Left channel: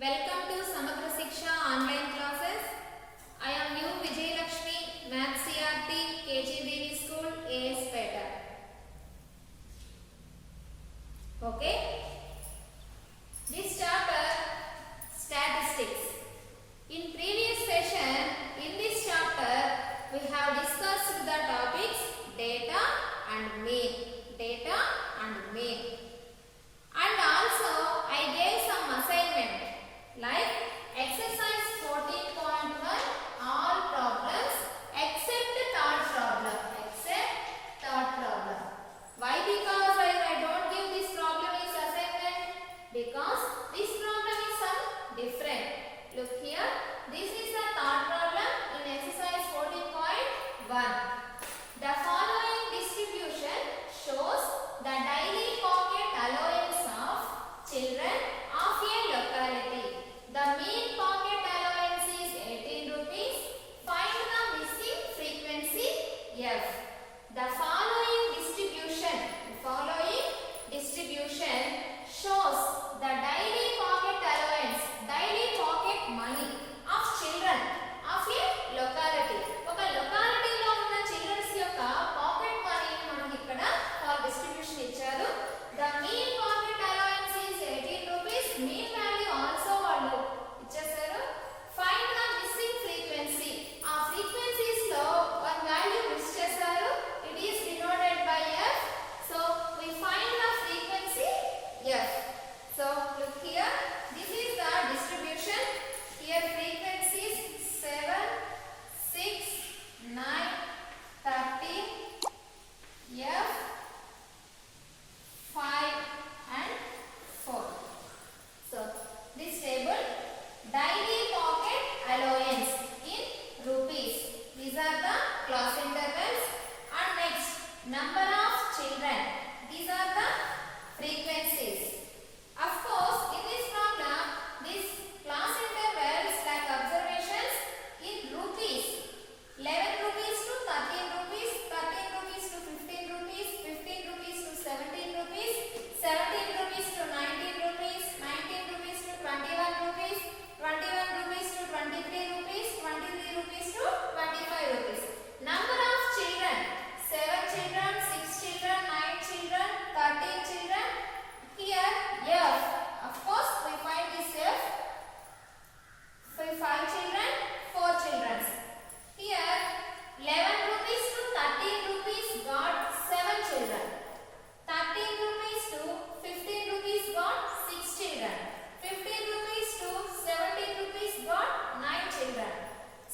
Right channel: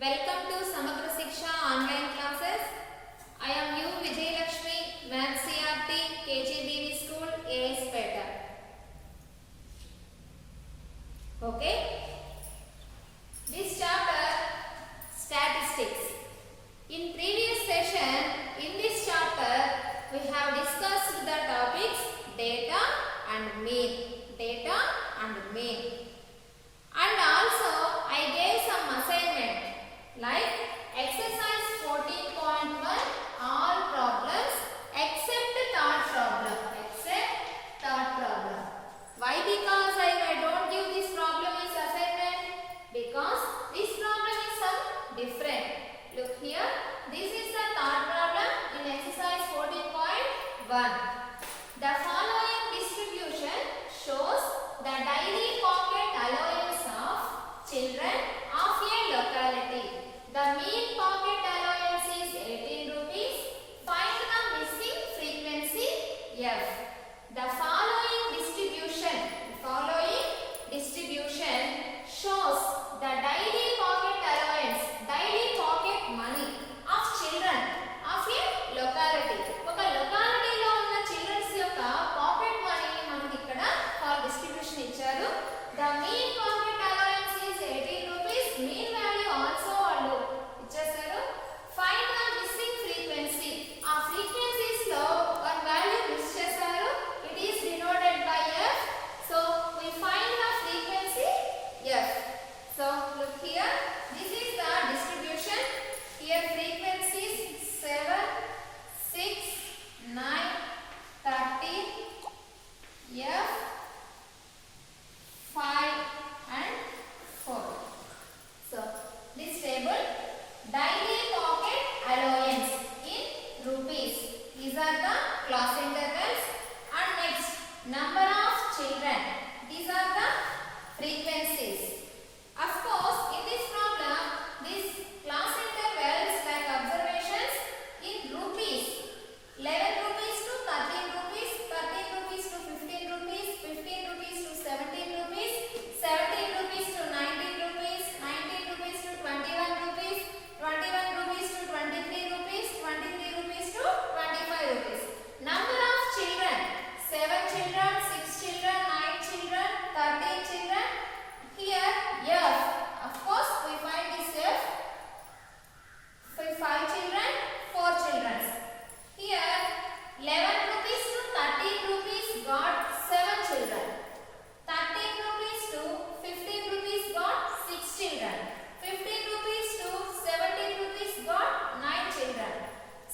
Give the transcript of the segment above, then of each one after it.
Welcome to Samagra Shiksha online classes. I am you Vijay Lakshmi, Maths CRT, KG Devi School, AS Peta. Okay. This chapter, statistics. In previous session, in this chapter, we have discussed the topics data and mean. Data and mean. And also, I gave some assignment like exercise 14.1 all problems except third problem. Why? Because I don't give this problem is assignment, because this problem is some different. Look here, this is the third problem in exercise 14.1. The following distribution shows the daily pocket allowance of children of a locality. The mean pocket allowance is 18 rupees. Find the missing frequency F. The following distribution shows the daily pocket allowance, daily pocket money of children of a locality. ఒక locality లో ఉన్న children's యొక్క pocket money మనకి ఇక్కడ for distribution ఇచ్చారు. The mean pocket allowance is 18 rupees. Mean value also వాళ్ళు ఇచ్చేసారు. Find the missing frequency. ఆ frequencies లో one value miss చేశారు. It is denoted by F. So we find the frequency F. So look here. This is the distribution. Here frequencies 7, 6, 9, 13, F, 5 and 4. So this table, daily pocket allowance in rupees. These are the class intervals. And next, number of children. These are the frequencies. Of course, in this problem, this class intervals like observations in rupees. 11 rupees to 13 rupees, 13 rupees to 15 rupees, 15 rupees to 17 rupees, 17 rupees to 19 rupees, 19 rupees to 21 rupees, 21 rupees to 23 rupees, 23 rupees to 25 rupees. Number of children, 7 children, 6 children, 9 children, 13 children. Here, F. Of course, we find this F. 5 children, 4 children. Here, 11 rupees to 13 rupees got 7 children. 13 rupees to 15 rupees got 6 children. 15 rupees to 17 rupees got 9 children.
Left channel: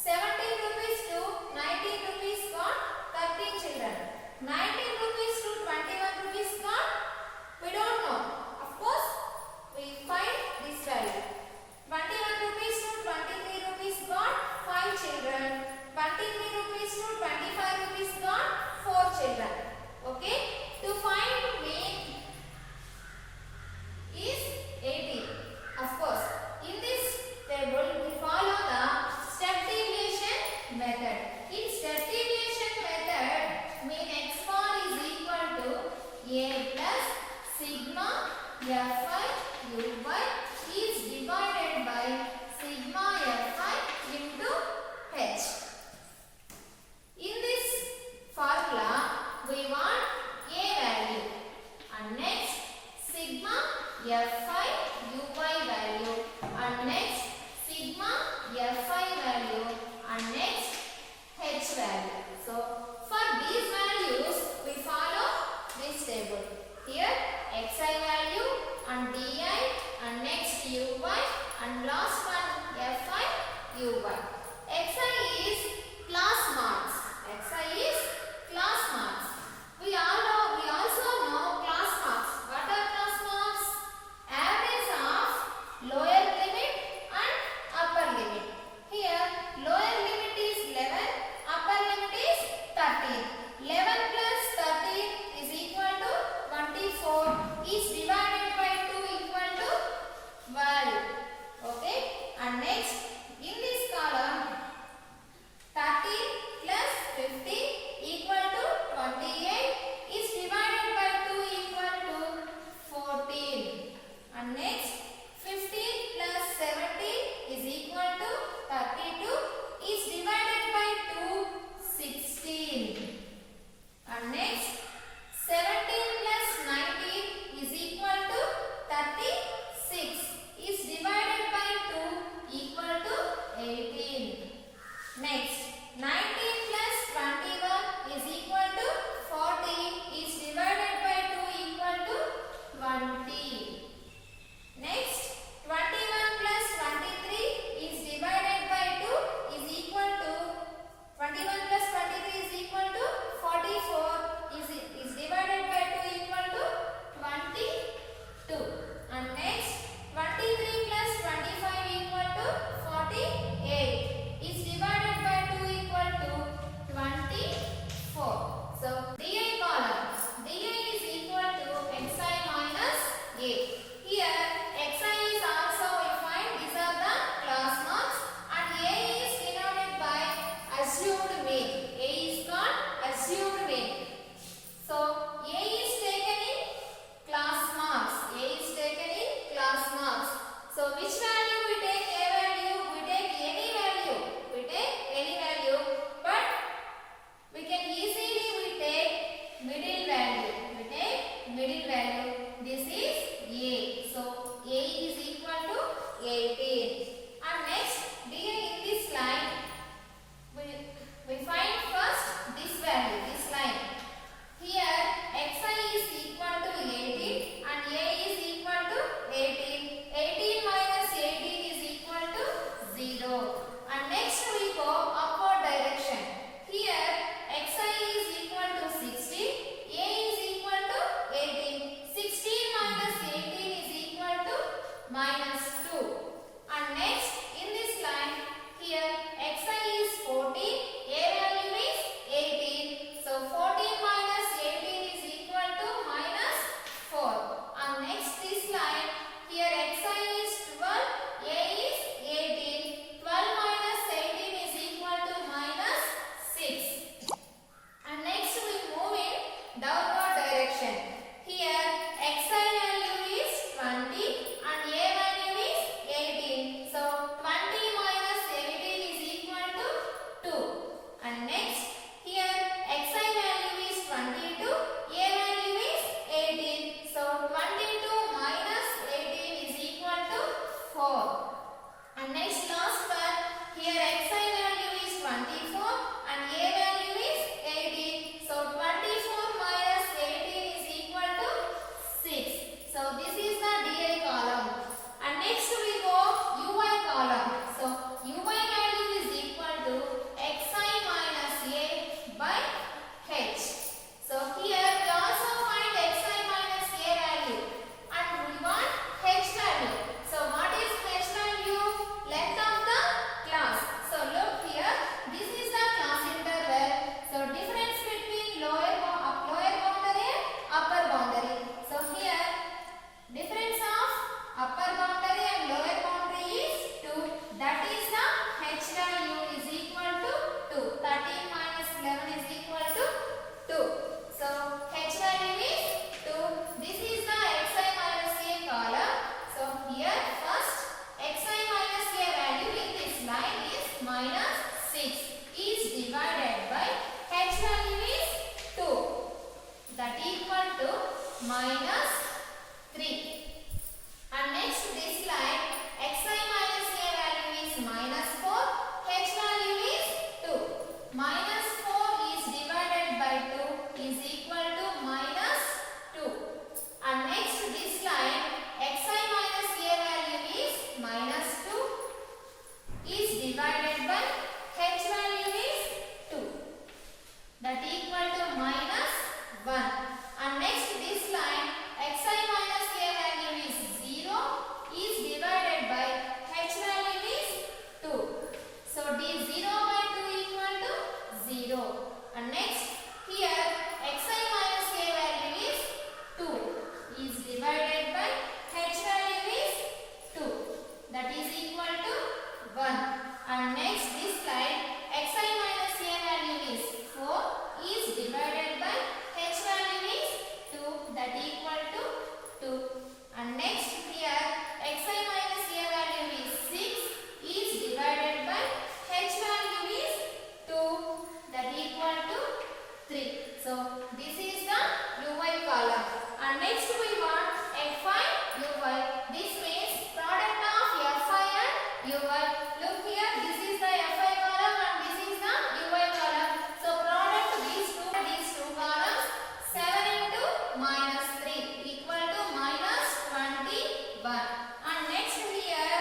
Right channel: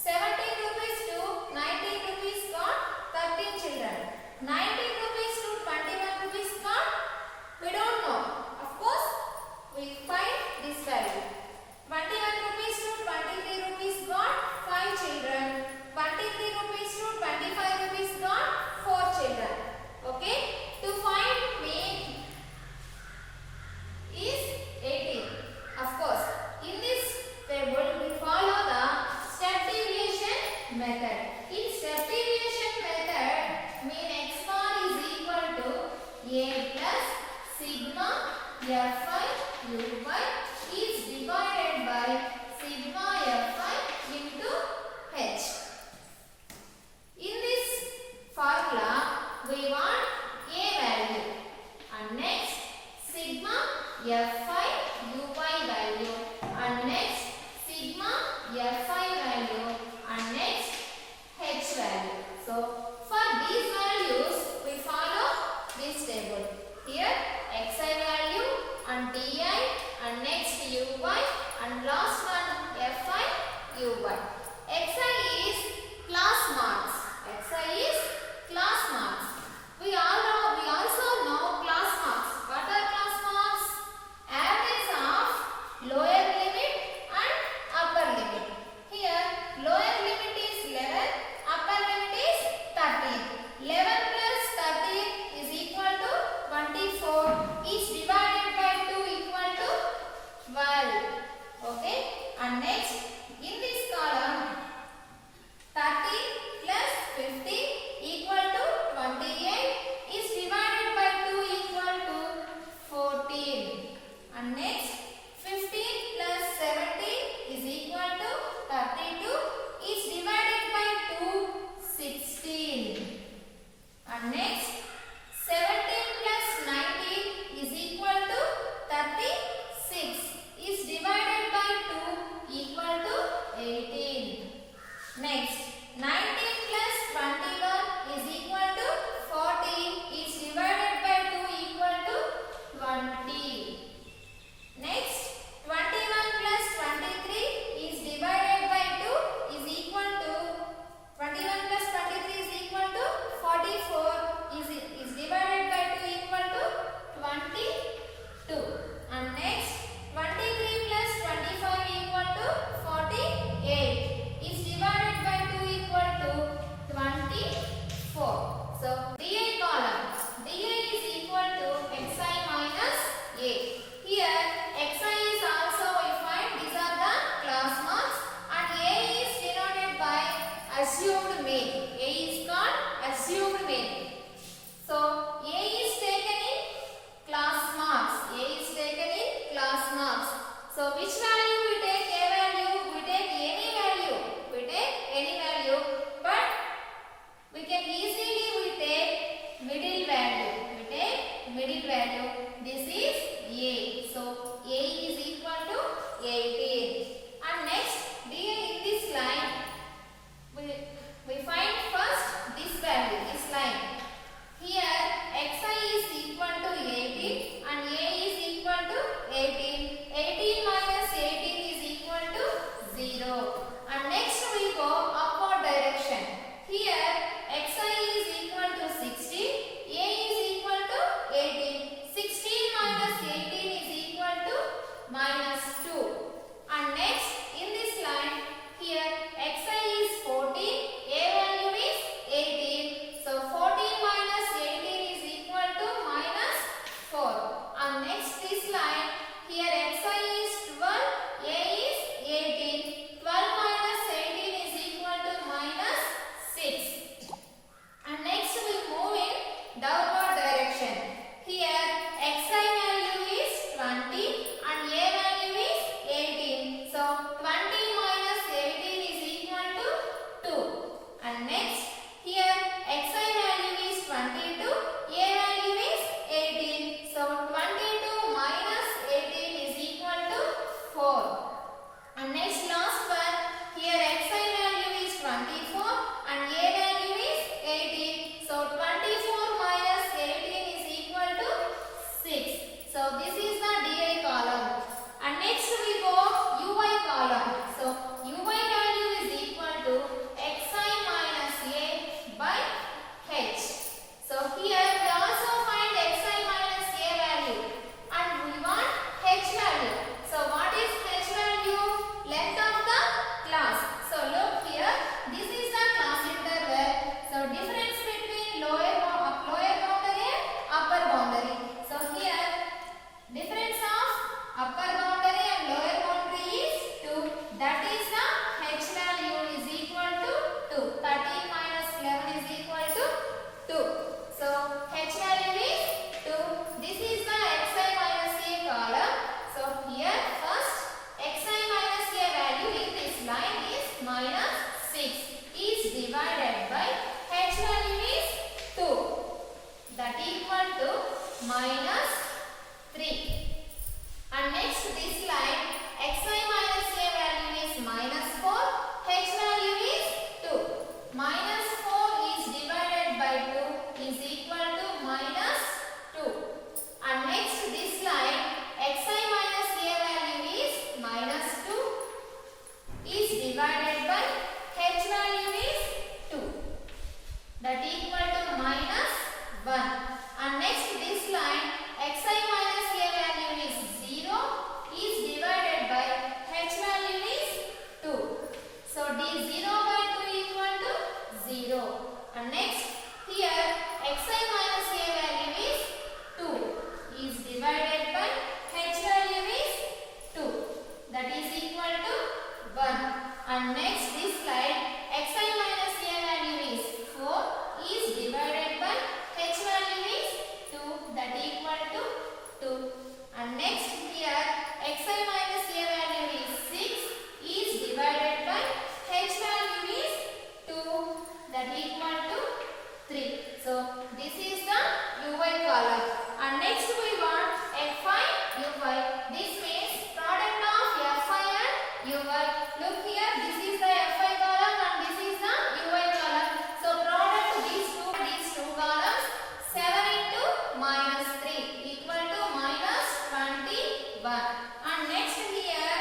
17 rupees to 19 rupees got 13 children. 19 rupees to 21 rupees got, we don't know. Of course, we find this value. 21 rupees to 23 rupees got 5 children. 23 rupees to 25 rupees got 4 children. Okay? To find mean is 18. Of course, in this table we follow the step deviation method. In step deviation method, mean x bar is equal to a plus sigma fi uy is divided by sigma fi into h. In this formula, we want a value and next sigma fi uy value and next sigma fi value and next h value. So for these values, we follow this table. Here xi value and di and next uy and last one fi uy. Xi is class marks. Xi is class marks. We also know class marks. What are class marks? Average of lower limit and upper limit. Here lower limit is 11, upper limit is 13. 11 plus 13 is equal to 24. Is divided by 2 equal to 12. Okay. And next in this column minus 6 is divided by h value is 2. That equal to minus 3. And next this line xi minus a value is minus 4. H value is 2. Minus 4 is divided by 2 is equal to minus 2. And next this line xi minus a value is minus 2 is divided by h value is 2. That equal to minus 1. And next this line xi minus a value is 0 is divided by h value is 2. So d 0 by 2 equal to 0. And next here xi minus a value is 2 is divided by h value is 2. That is equal to 1. And next this line xi minus a value is 4 is divided by h value is 2. That equal to 2. And next here xi minus a value is 6 is divided by h value is 2. That equal to 3. So this is the uy column. And next we want fi uy. This means product of fi and uy. Look here, this is the fi column and this is the uy column. So product these two columns 7 into minus 3 equal to minus 21. And next here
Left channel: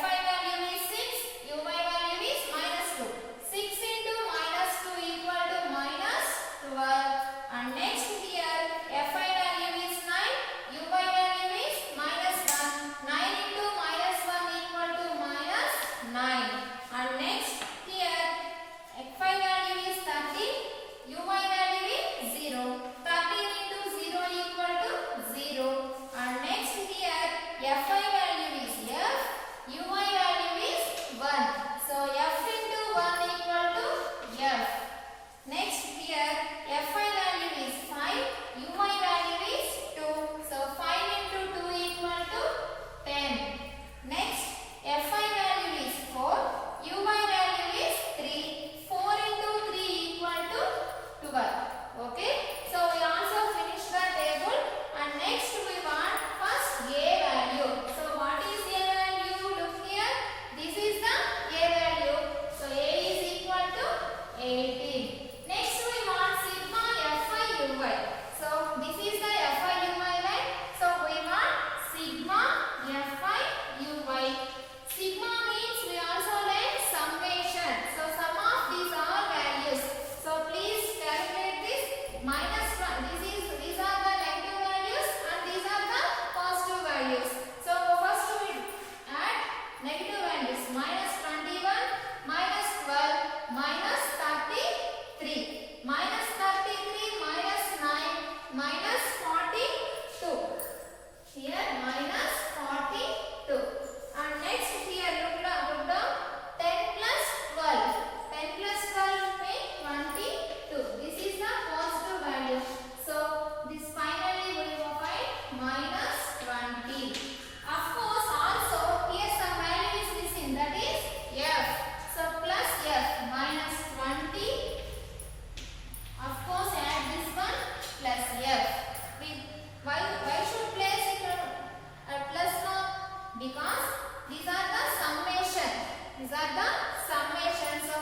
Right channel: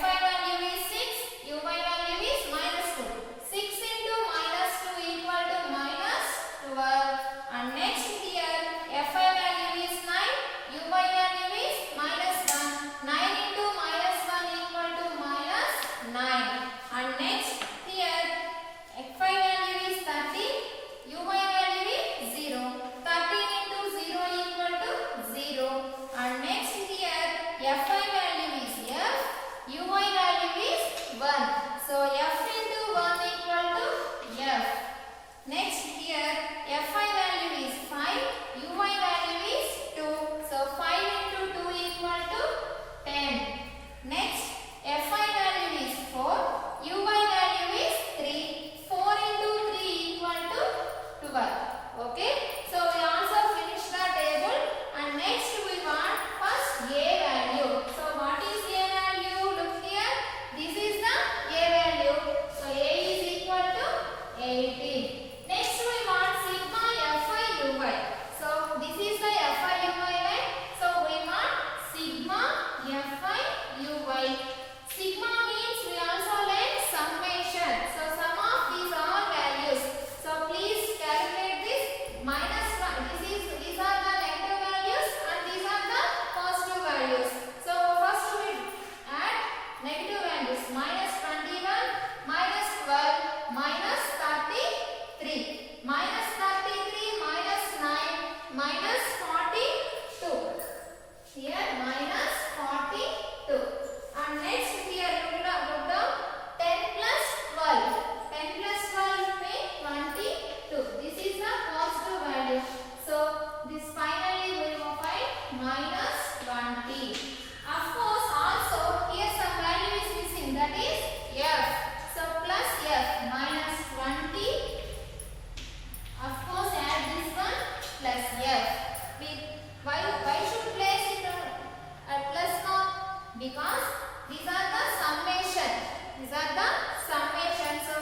fi value is 6, uy value is minus 2. 6 into minus 2 equal to minus 12. And next here fi value is 9, uy value is minus 1. 9 into minus 1 equal to minus 9. And next here fi value is 13, uy value is 0. 13 into 0 equal to 0. And next here fi value is f, uy value is 1. So f into 1 equal to f. Next here fi value is 5, uy value is 2. So 5 into 2 equal to 10. Next fi value is 4, uy value is 3. 4 into 3 equal to 12. Okay. So we also finished the table. And next we want first a value. So what is a value? Look here. This is the a value. So a is equal to 18. Next we want sigma fi uy. So this is the fi uy, right? So we want sigma fi uy. Sigma means we also learn summation. So sum of these all values. So please calculate this. Minus 1. These are the negative values and these are the positive values. So first we add negative values. Minus 21, minus 12, minus 33. Minus 33, minus 9, minus 42. Here minus 42. And next here look down 10 plus 12. 10 plus 12 means 22. This is the positive value. So this finally we will find minus 20. Of course also here some value is missing, that is f. So plus f minus 20. Of course add this one plus f. Why should place it at plus mark? Because these are the summation. These are the summation. So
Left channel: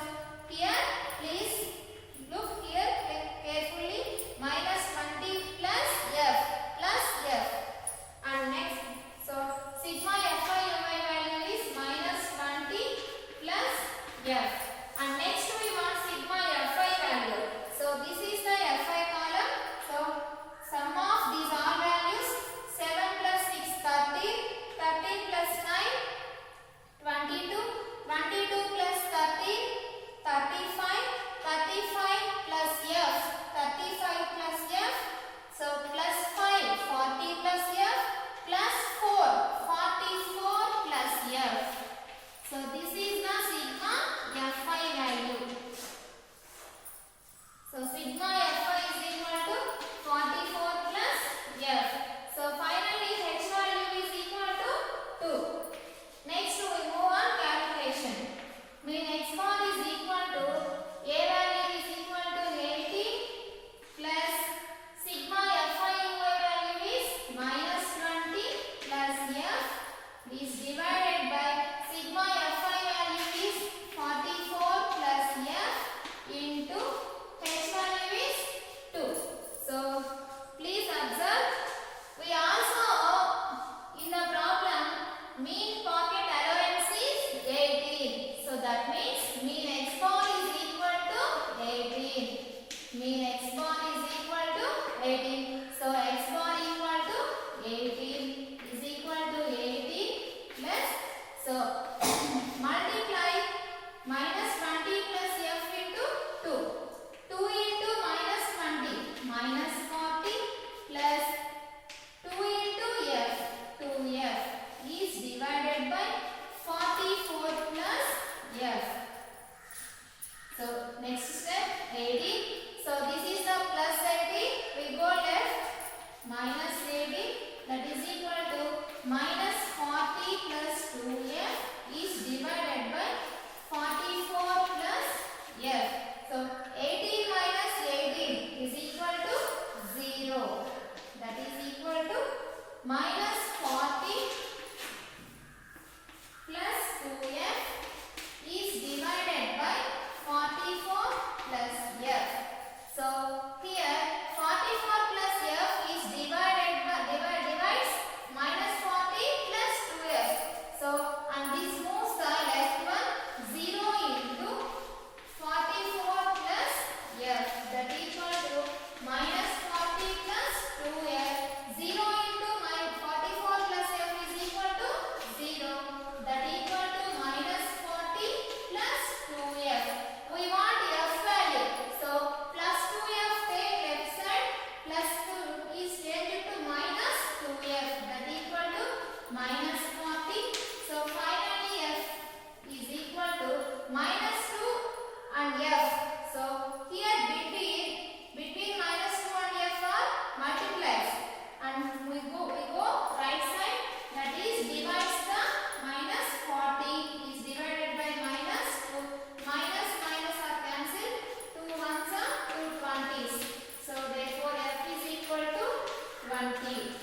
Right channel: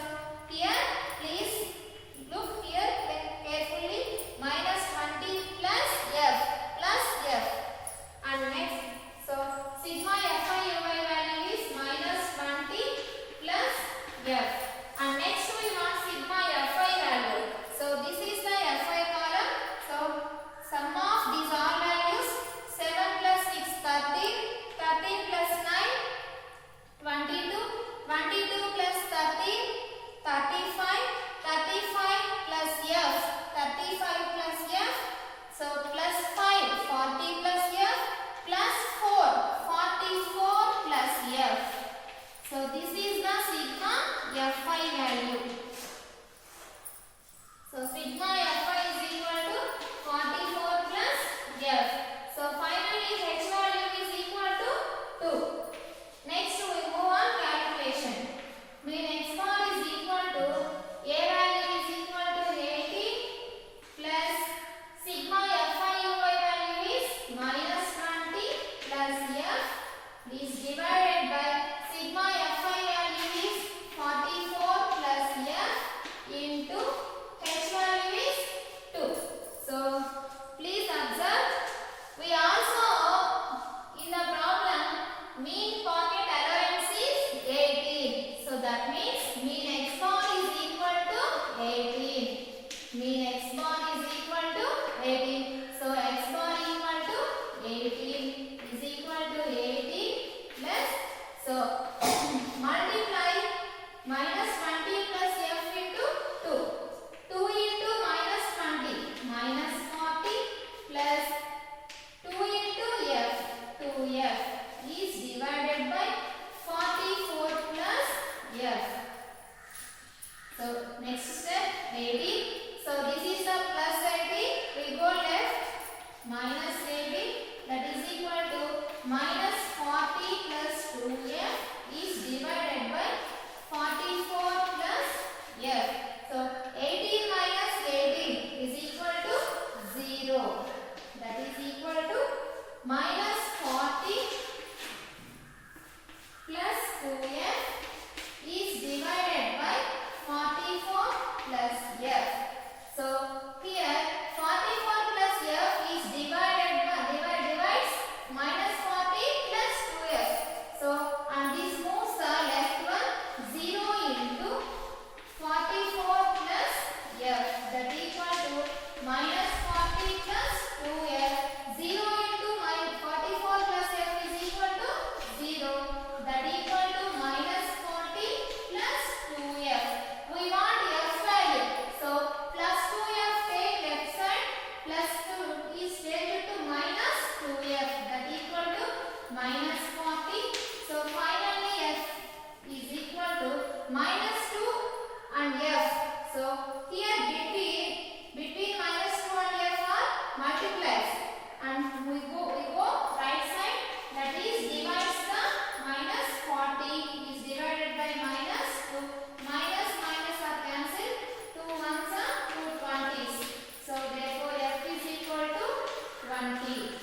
here please look here carefully. Minus 20 plus f. And next, so sigma fi uy value is minus 20 plus f. And next we want sigma fi value. So this is the fi column. So sum of these all values 7 plus 6 13, 13 plus 9 22, 22 plus 13 35, 35 plus f, 35 plus f. So plus 5 40 plus f plus 4 44 plus f. So this is the sigma fi value. So sigma fi is equal to 44 plus f. So finally h value is equal to 2. Next we move on calculation. Mean x bar that means mean x bar is equal to 18. Mean x bar is equal to 18. So x bar equal to 18 is equal to 18 plus, so multiply minus 20 plus f into 2. 2 into minus 20 minus 40 plus 2 into f. 2f is divided by 44 plus f. So next step 18. So this is the plus 18. We go left, minus 18, that is equal to minus 40 plus 2f is divided by 44 plus f. So 18 minus 18 is equal to 0. That is equal to minus 40 plus 2f is divided by 44 plus f. So here 44 plus f is divides minus 40 plus 2f. So and this moves the left one 0 into 44 plus f, that equal to minus 40 plus 2f. 0 into 44 plus f is equal to 0, that equal to minus 40 plus 2f. We want f value. So plus 2f take left side, plus 2 is changed to minus 2f, that equal to minus 40. So finally f is equal to minus 2 and f. So here between minus 2 and f are multiplies, and we go right side, that is divides the minus 40 is divided by minus 2. Minus minus are cancelled, 2 ones are 2 20s. So therefore f is equal to 20.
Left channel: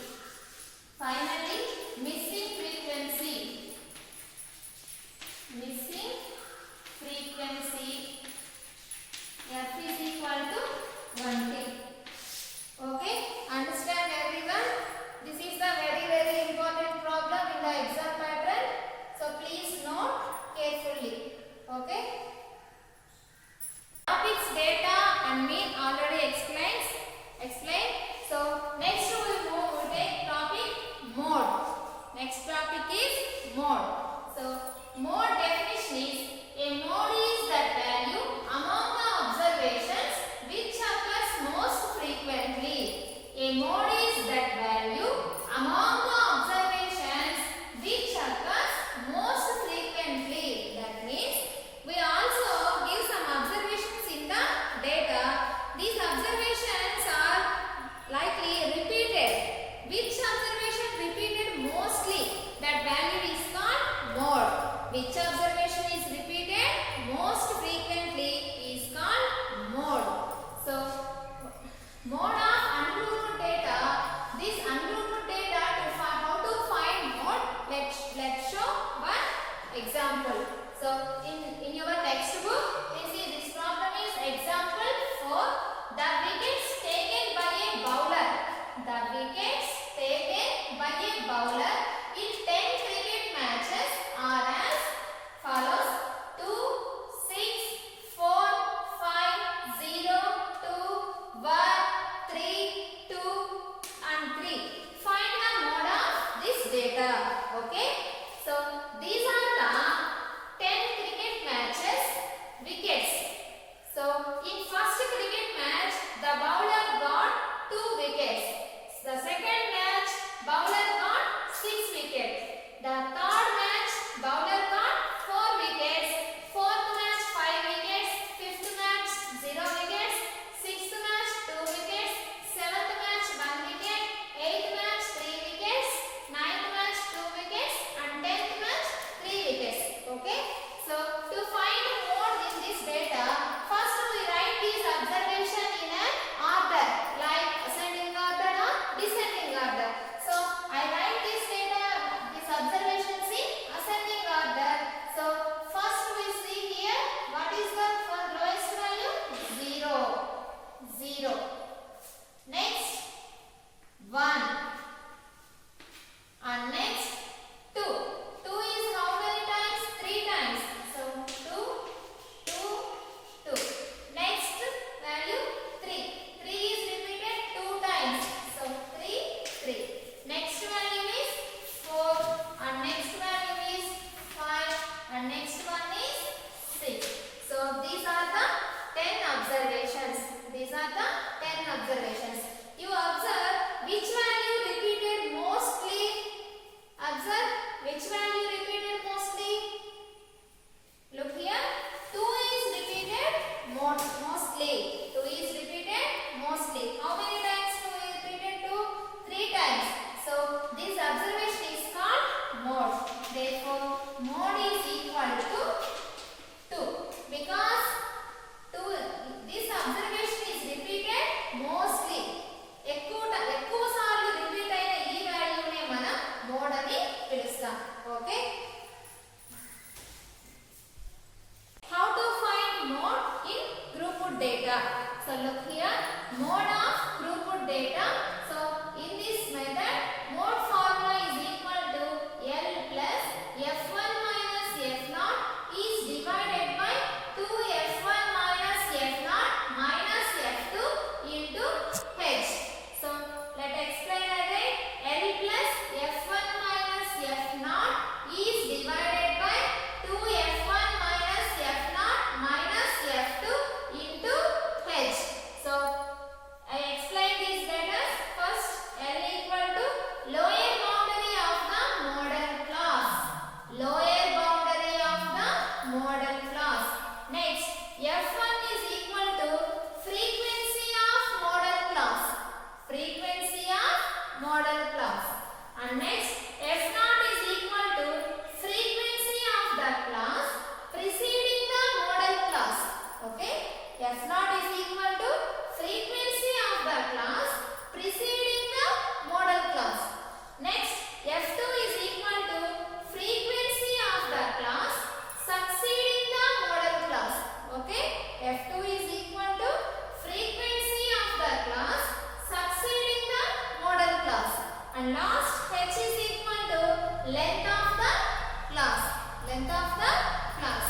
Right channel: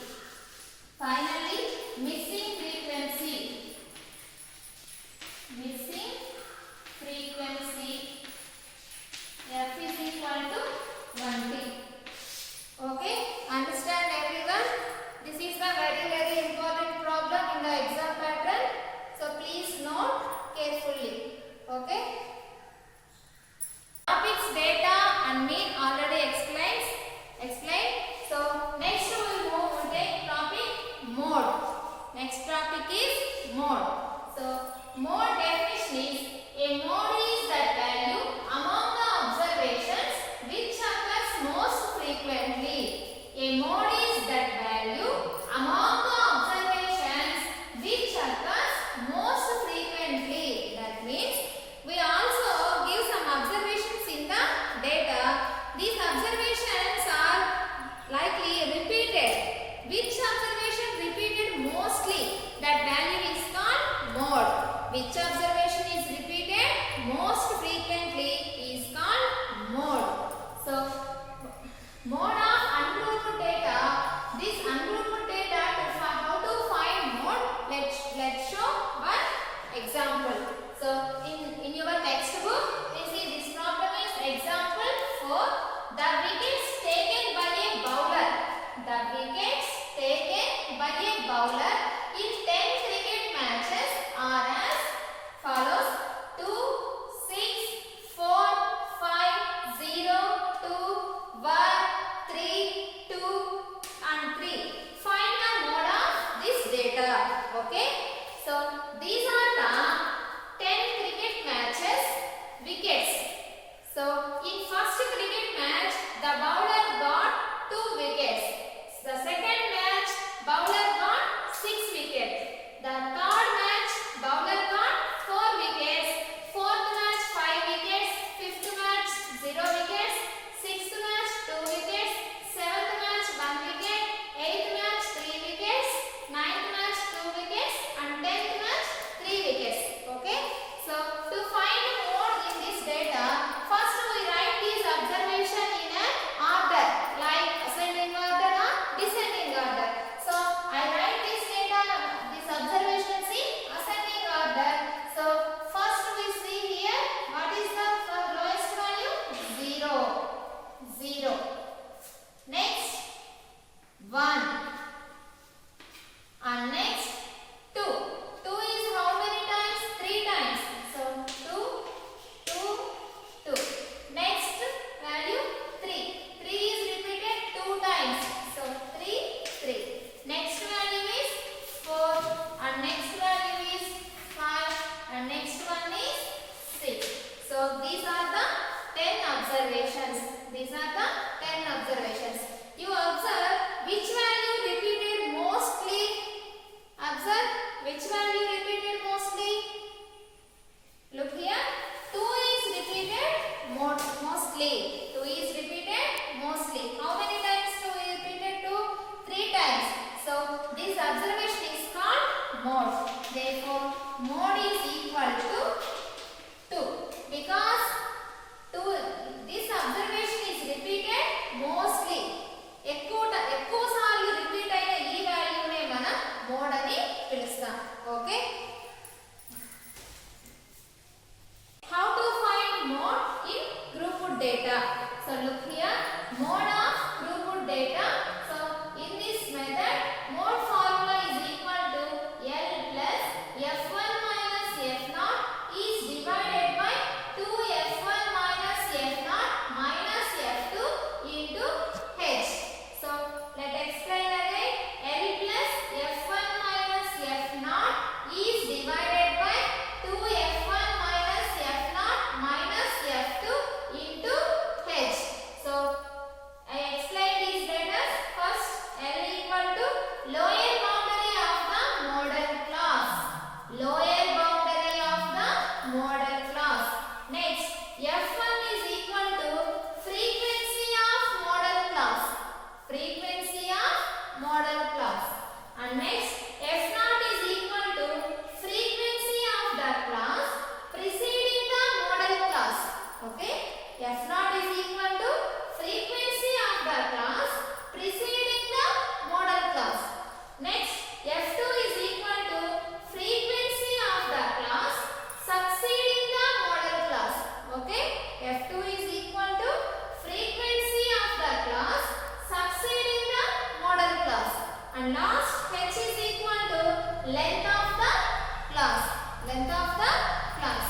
Finally missing frequency. Missing frequency, f is equal to 20. Okay, understand everyone? This is the very important problem in the exam pattern. So please note carefully. Okay. Topics, data and mean already explained. So next we take topic mode. Next topic is mode. So mode definition is a mode is that value among the observations which occurs most frequently. A mode is that value among the observations which occurs most frequently. That means we also give some observations in the data. These observations are likely repeated. Which observation repeated mostly? That value is called mode. Which observation is repeated most frequently is called mode. So mode of ungrouped data. This ungrouped data, how to find mode? Let's show one example. So in your textbook, you see this problem is example 4. The wickets taken by a bowler. The wickets taken by a bowler in 10 cricket matches are as follows: 2, 6, 4, 5, 0, 2, 1, 3, 2 and 3. Find the mode of this data. Okay. So these are the 10 cricket matches wickets. So in first cricket match, the bowler got 2 wickets. The second match, bowler got 6 wickets. The third match, bowler got 4 wickets. Fourth match, 5 wickets. Fifth match, 0 wickets. Sixth match, 2 wickets. Seventh match, 1 wicket. Eighth match, 3 wickets. Ninth match, 2 wickets. And 10th match, 3 wickets. Okay. So to find mode in this data, first we write this observation in an order, like ascending order or descending order. So I These are the 10 observations. You observe which value repeated mostly. Observe which value repeated mostly. Look here. 2 is repeated mostly. 2 is repeated mostly. How many times 2 is repeated? 2? 3 times. So this observation is called mode. Therefore, mode is equal to 2. Because this observation is repeated mostly. ఎక్కువ సార్లు repeat అయిన ఈ వాల్యూనే మనం mode అని పిలుస్తాం. Okay. How to find mode in throughput data? So look here, mode of throughput data. So in this method, mode formula is equal to L plus F1 minus F0 is divided by 2F1 minus F0 minus F2 into H. So let's explain again. L plus F1 minus F0 is divided by 2F1 minus F0 minus F2 into H. So I explain these letters. First, L equal to lower boundary of the model class. Lower boundary of the model class. Next, F1 is equal to frequency of model class. Frequency of model class. And next, F0 is equal to frequency of the class preceding the model class. Okay? F0 is equal to frequency of the class preceding the model class. Next, F2 is equal to frequency of the class succeeding the model class. Okay? F2 is equal to frequency of the class succeeding the model class. And last, H is equal to length of the class. Length of the class.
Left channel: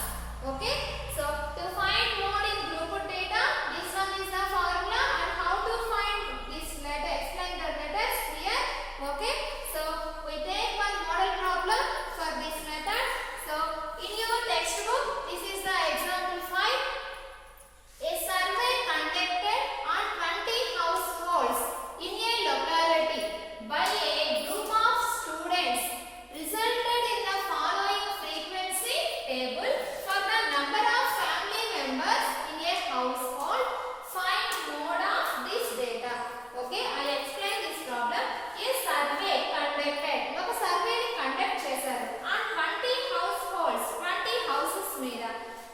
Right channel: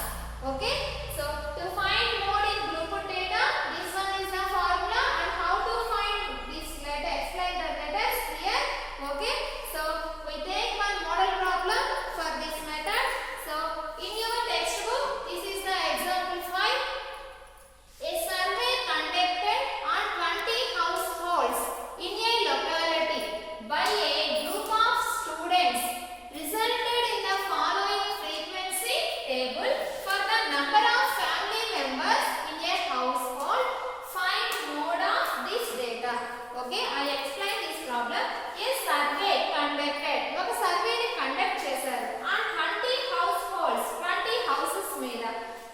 Okay? So to find mode in throughput data, this one is the formula, and how to find this letter, explain the letters here. Okay? So we take one model problem for this method. So in your textbook, this is the example 5. A survey conducted on 20 households in a locality by a group of students resulted in the following frequency table for the number of family members in a household. Find mode of this data. Okay, I explain this problem. A survey conducted. ఒక సర్వేని conduct చేశారు on 20 households, 20 houses మీద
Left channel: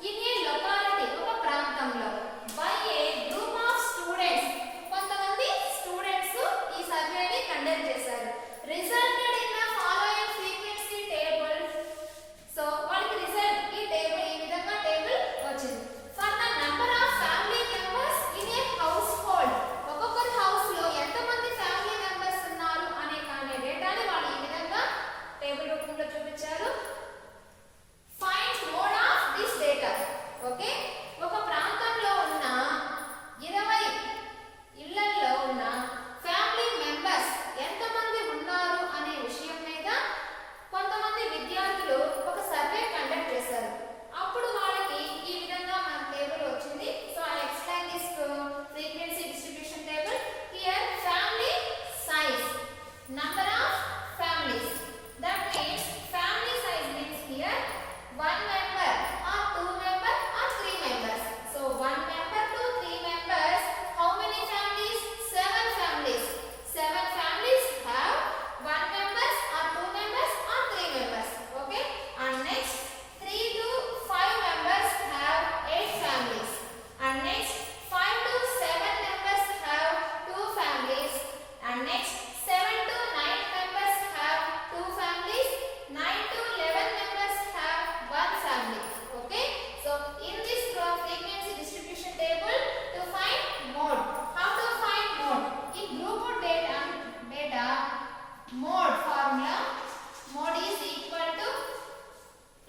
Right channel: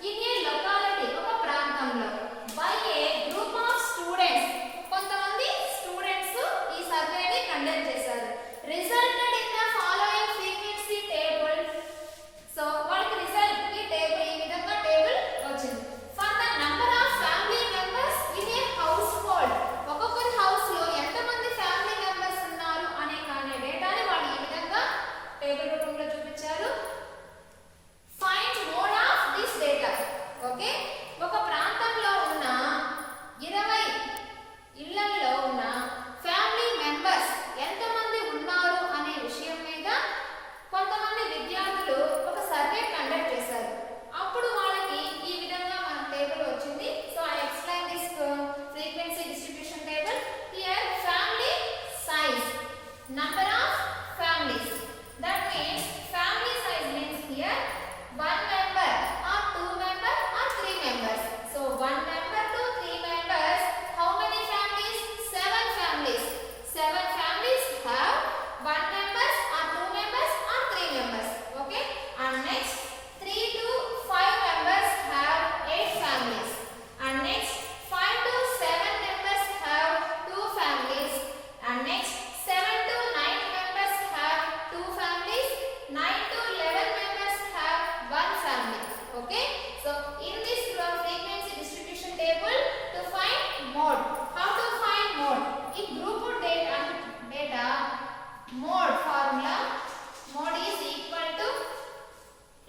in a locality, ఒక ప్రాంతంలో by a group of students, కొంతమంది students ఈ సర్వేని conduct చేశారు. Resulted in the following frequency table. So వాళ్ళకి రిజల్ట్ ఈ టేబుల్, ఈ విధంగా టేబుల్ వచ్చింది. For the number of family members in a household, ఒక్కొక్కరి హౌస్ లో ఎంతమంది ఫ్యామిలీ మెంబర్స్ ఉన్నారు అనే డేటాని వాళ్ళు ఈ విధంగా టేబుల్ రూపంలో చూపించారు. Find mode of this data. Okay, ఒక ప్రాంతంలో ఉన్న 20 ఇళ్లలో ఉన్న ఫ్యామిలీ మెంబర్స్ ఎంతమంది ఉన్నారు అనే విషయం మీద కొంతమంది విద్యార్థులు ఒక సర్వే కండక్ట్ చేశారు. అప్పుడు వాళ్ళకి ఈ విధంగా మన టేబుల్ వచ్చింది. So I explain this frequency distribution table. Here family size, number of families. That means family size means here 1 member or 2 member or 3 members. So 1 member to 3 members. How many families? 7 families. 7 families have 1 members or 2 members or 3 members. Okay? And next 3 to 5 members have 8 families. And next 5 to 7 members have 2 families. And next 7 to 9 members have 2 families. 9 to 11 members have 1 family. Okay? So in this frequency distribution table, to find mode. How to find mode? In throughput data mode formula, mode is equal to,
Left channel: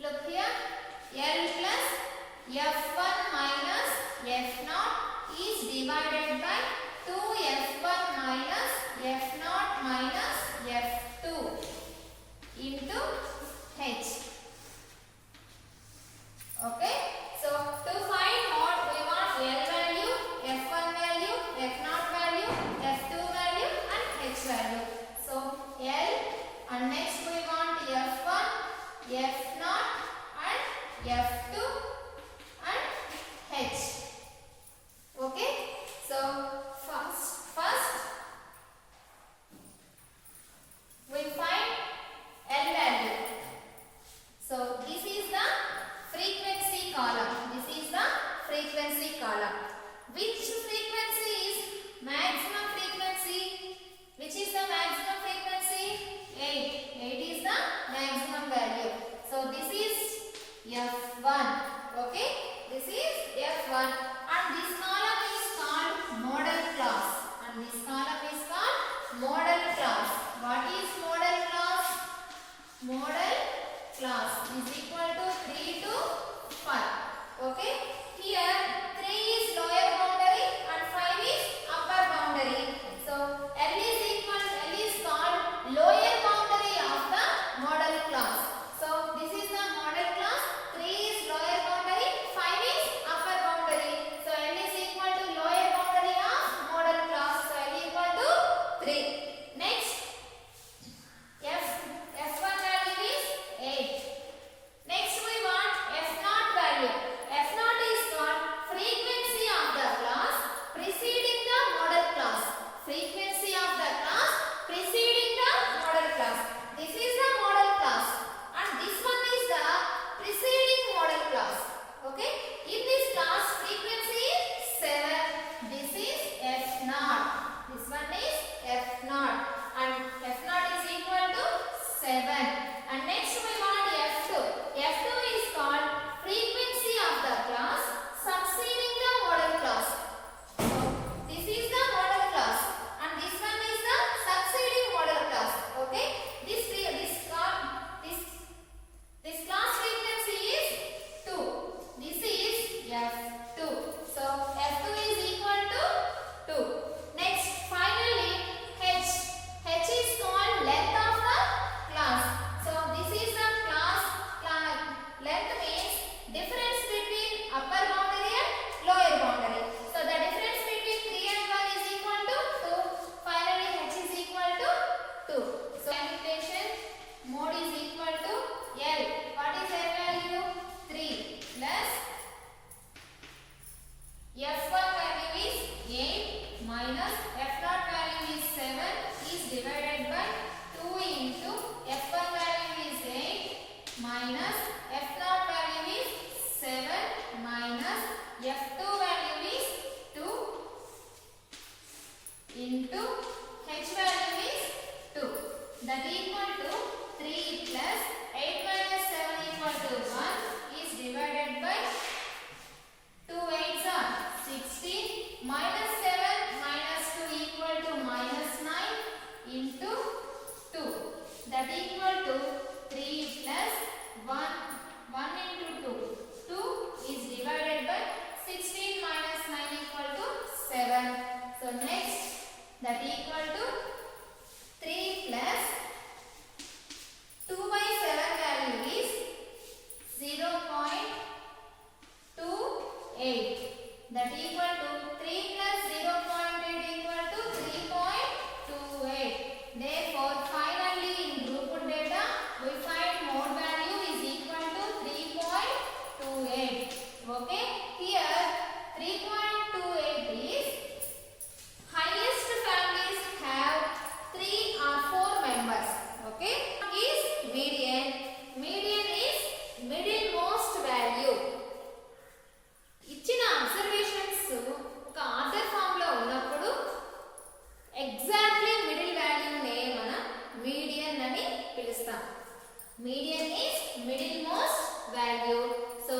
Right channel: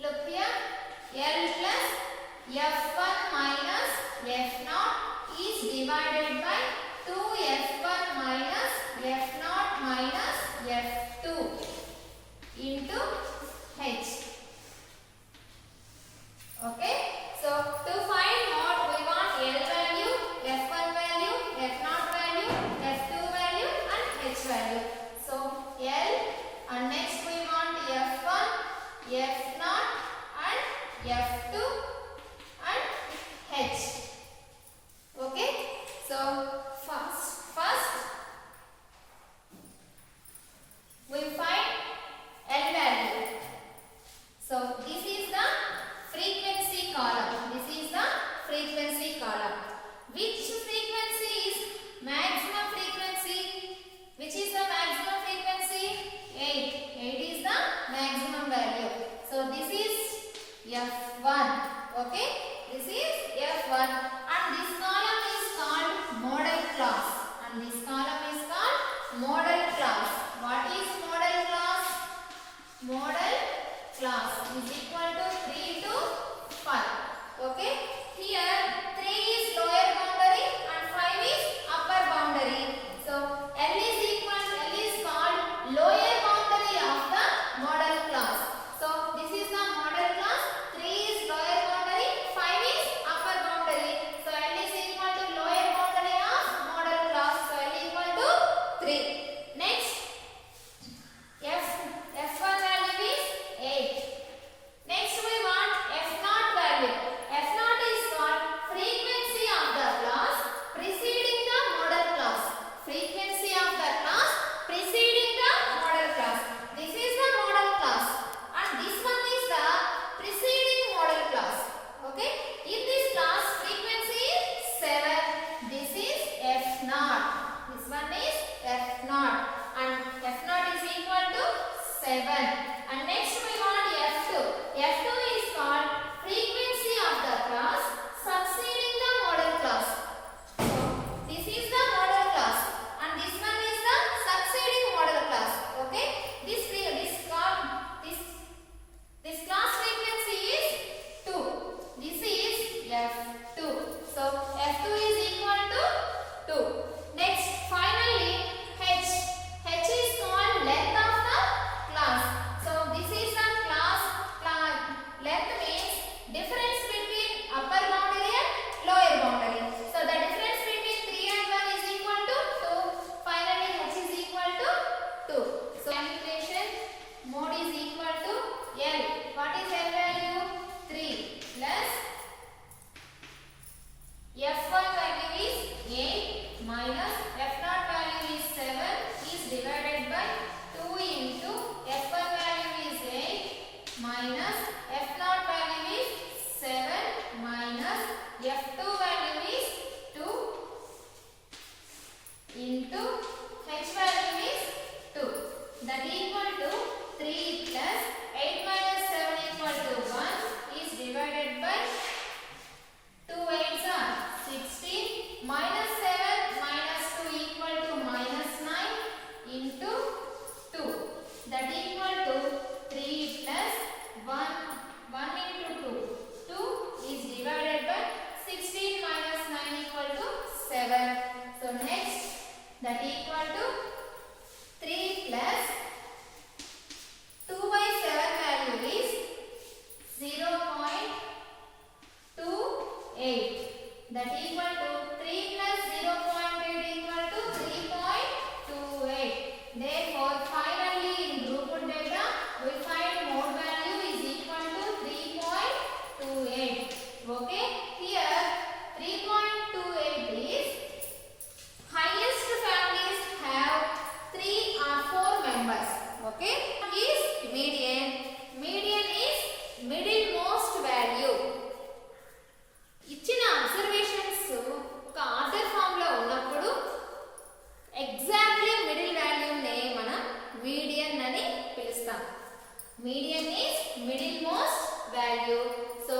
look here, L plus F1 minus F0 is divided by 2F1 minus F0 minus F2 into H. Okay, so to find mode we want L value, F1 value class is equal to 3 to 5. Okay. Here 3 is lower boundary and 5 is upper boundary. So L is called lower boundary of the model class. So this is the model class. 3 is lower boundary, 5 is upper boundary. So L is equal to lower boundary of model class. So L equal to 3. Next, F1 value is 8. Next we want F0 value. F0 is called frequency of the class preceding the model class. Frequency of the class preceding the model class. This is the model class and this one is the preceding model class. Okay. In this class frequency is 7. This is F0. This one is F0 and F0 is equal to 7. And next we want F2. F2 is called frequency of the class succeeding the model class. So this is the model class and this one is the succeeding model class. Okay. This class frequency is 2. This is F2. So F2 is equal to 2. Next, finally H. H is called length of the class. So this is the class length means difference between upper boundary and lower boundary. So the difference between 3 and 1 is equal to 2. Finally H is equal to 2. So calculation mode is equal to L. What is L value? 3 plus F1 value is 8 minus F0 value is 7 is divided by 2 into F1 value is 8 minus F0 value is 7 minus F2 value is 2 into H value is 2. That equal to 3 plus 8 minus 7 equal to 1 is divided by 2 8s are 16 minus 7 minus 2 equal to minus 9 into 2. That equal to 3 plus 1 into 2. 2 is divided by 16 minus 9 equal to 7. So next that equal to 3 plus 2 by 7 value is 0.28. That equal to 3 plus 0.8 equal to 3.28. Therefore, finally in throughput data, we find mode value is equal to 3.28. Okay. Here 3.28 is highest families have 3 or 4 members. Okay. Is median. Median is middlemost value. ఇచ్చిన observations ఒక order form లో ఉన్నప్పుడు exactly middle వాల్యూనే మనం median అని పిలుస్తాం. Median is middle most value. So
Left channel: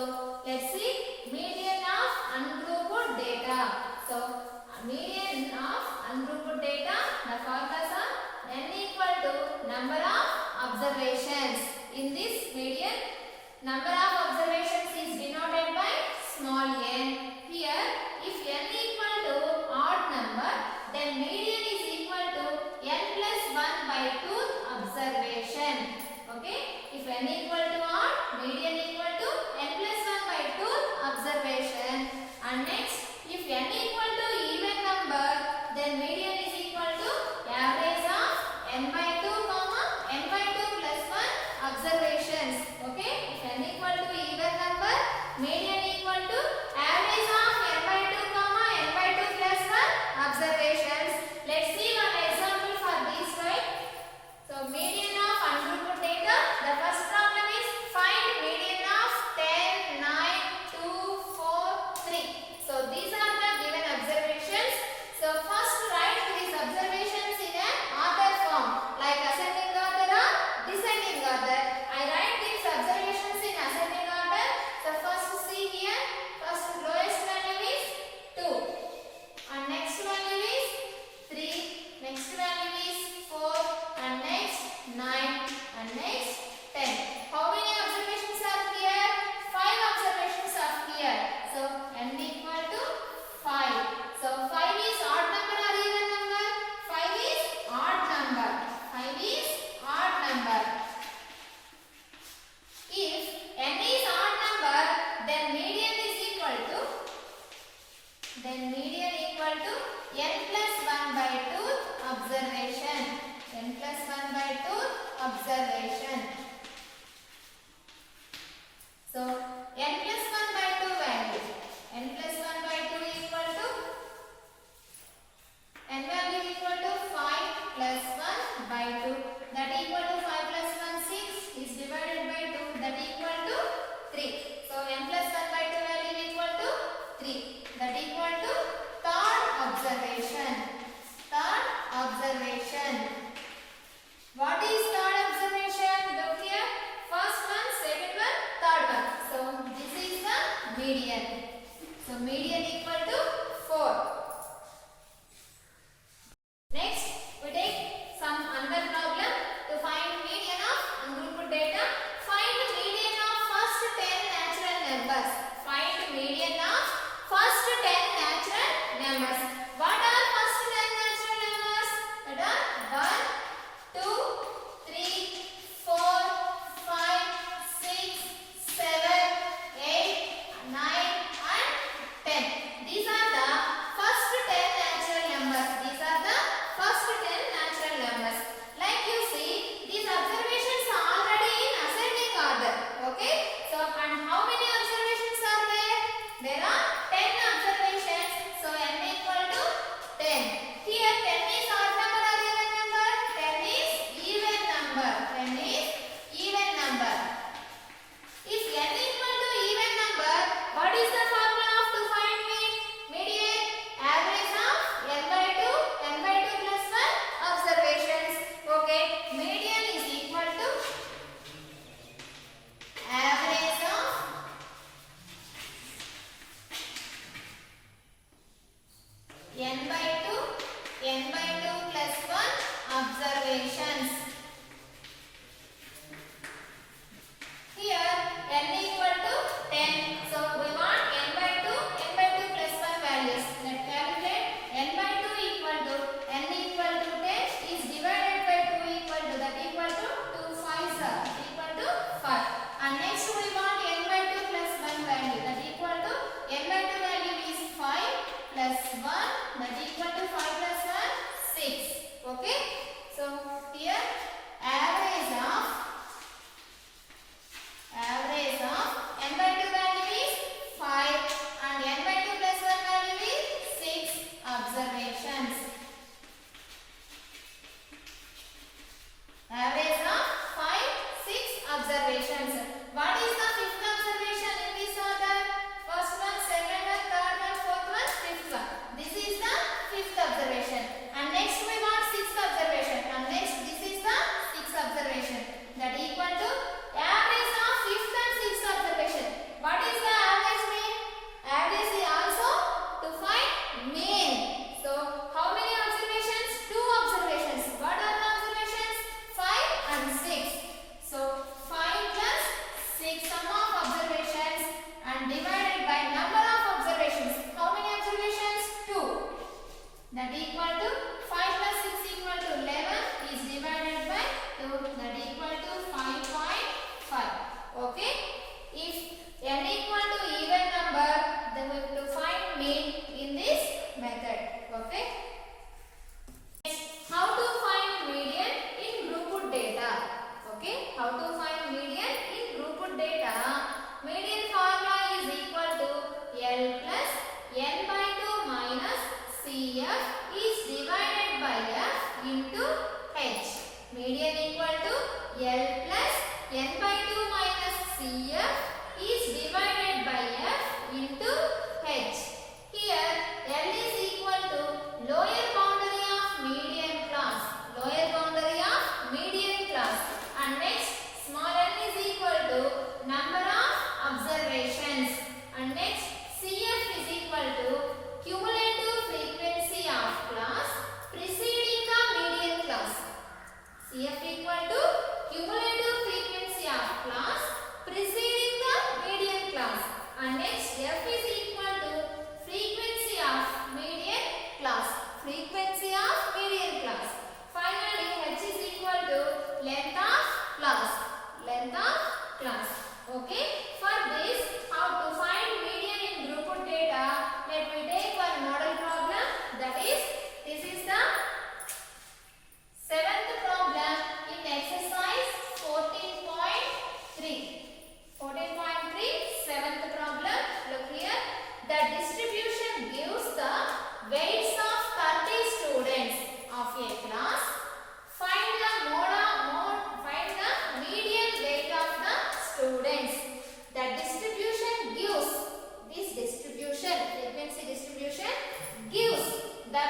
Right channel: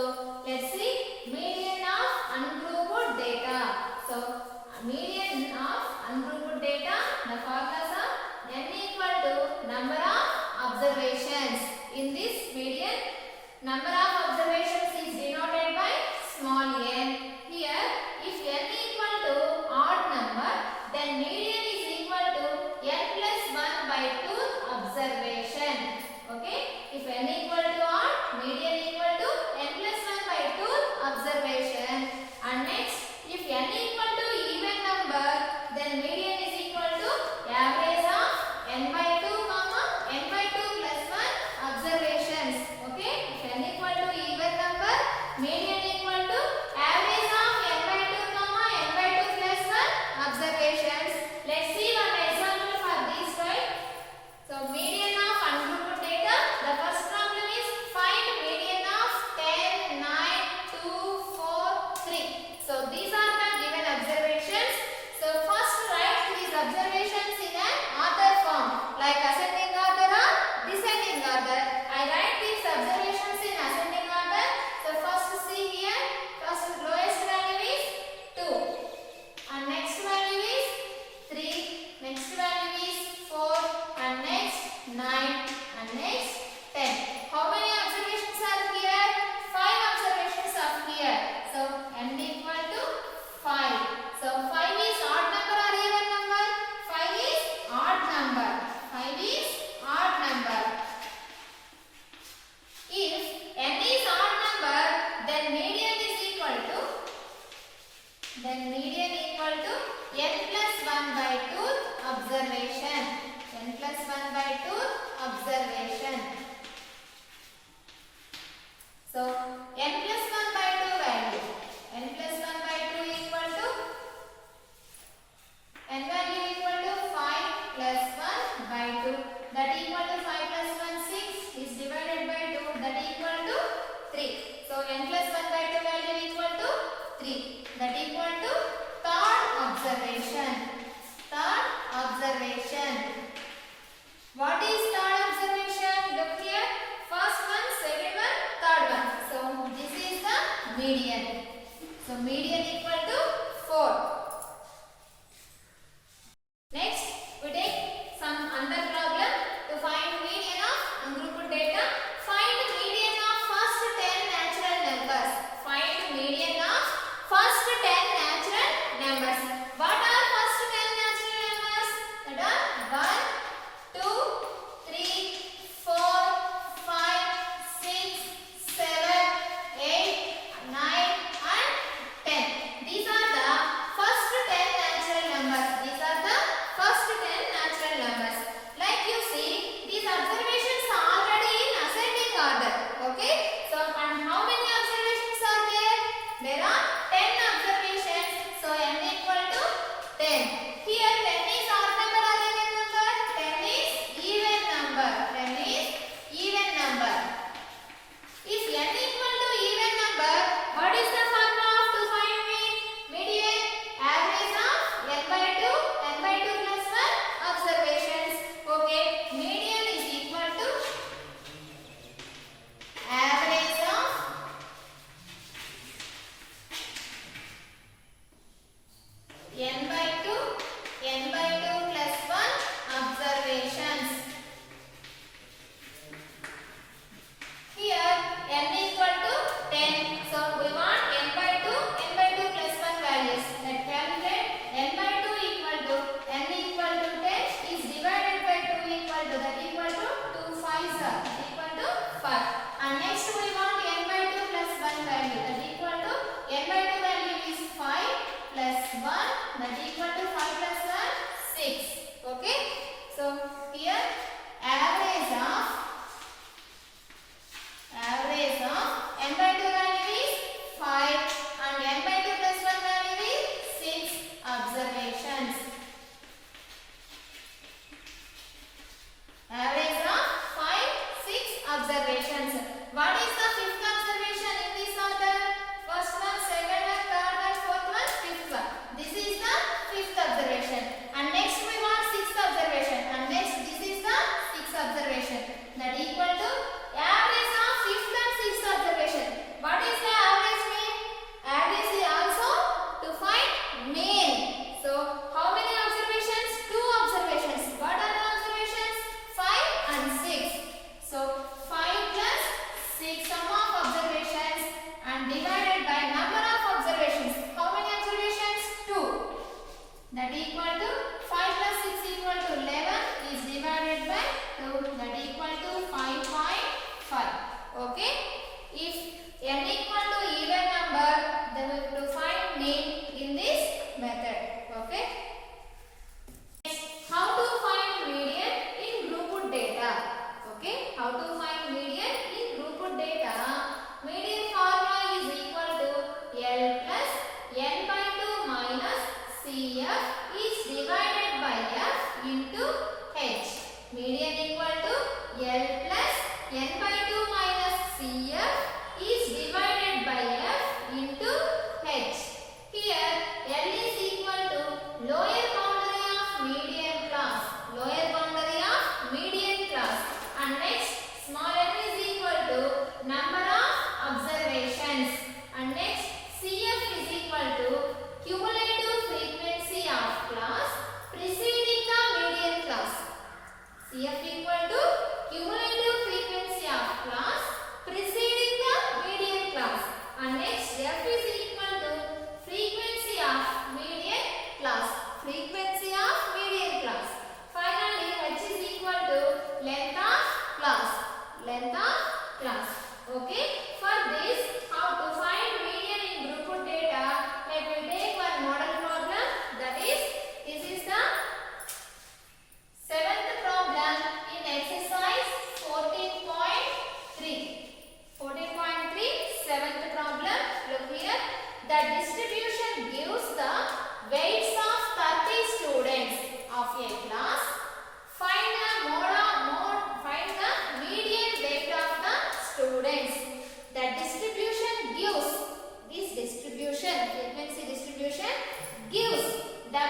let's see median of ungrouped data. So median of ungrouped data, the formulas are n equal to number of observations. In this median, number of observations is denoted by small n. Here, if n equal to odd number, then median is equal to n plus 1 by 2 observation. Okay? If n equal to odd, median equal to n plus 1 by 2 observation. And next, if n equal to even number, then median is equal to average of n by 2 comma n by 2 plus 1 observations. Okay? If n equal to even number, median observation. Third observation. What is third observation? Look here. First one, second one, third one. So this is the median. So median equal to 4. Next, we take some another problem to find median of ungrouped data. Find median of first 10 natural numbers. Find median of first 10 natural numbers. What are first 10 natural numbers? That are 1, 2, 3, 4, 5, 6, 7, 8, 9 and 10. These are the first 10 natural numbers. These are the first 10 natural numbers. Like you see, these observations are already in ascending order. Okay? So, and how many observations are there? There are 10 observations. So, n equal to 10. Here 10 is odd number or even number? 10 is even number. 10 is even number. If n equal to even number, what is the formula of to find median? Average of n by 2 plus 1 observations. Okay, median is equal to average of n by 2 plus 1 observations. Here n equal to 10. So we want n by 2 plus 1 values. Let calculate n by 2 equal to n equal to 10 is divided by 2 equal to that equal to 2 5s are equal to 5. And next we want n by 2 plus 1 value that equal to n by 2 value is 5 plus 1 that equal to 5 plus 1 6. Okay. So here average of n by 2 value is 5 and n by 2 plus 1 value is 6 observations. Average of 5, 6 observations. What is the fifth observation in this order? First one, second one, third one, fourth one, fifth one. This is the fifth observation. And next we want sixth observation. And next this is the sixth observation. That equal to average of fifth and sixth observation. What is the average mean? Average is also to find mean. So how many observations? 2 observations. What are the observations? 5 and 6. So 5 plus 6 sum of observations and divided by number of observations. How many observations? 2. That equal to 5 plus 6 equal to 11 is divided by 2 that equal to 5.5. Okay. If n equal to even number, then we have to find mean in this method. Okay. How to find median in grouped data? Okay. How to find median in grouped data? Median formula is equal to L plus n by 2 minus CF is divided by F into H. Median equal to L plus n by 2 minus CF is divided by F into H. Here L is equal to lower boundary of median class. Lower boundary of median class. And next small n is equal to number of observations. And next CF is equal to cumulative frequency of class preceding the median class. CF equal to cumulative frequency of class preceding the median class. And next F is equal to frequency of median class. Frequency of median class. Finally H is equal to length of class. Length of class. Okay. For this, how to find median in grouped data? Let me take one model problem. That is, this is the 7th problem in exercise 14.3. 14.3, 7th problem. Look here. The distribution gives the weights of 30 students of a class. Find the median weight of the students. The distribution gives, this distribution, frequency distribution gives the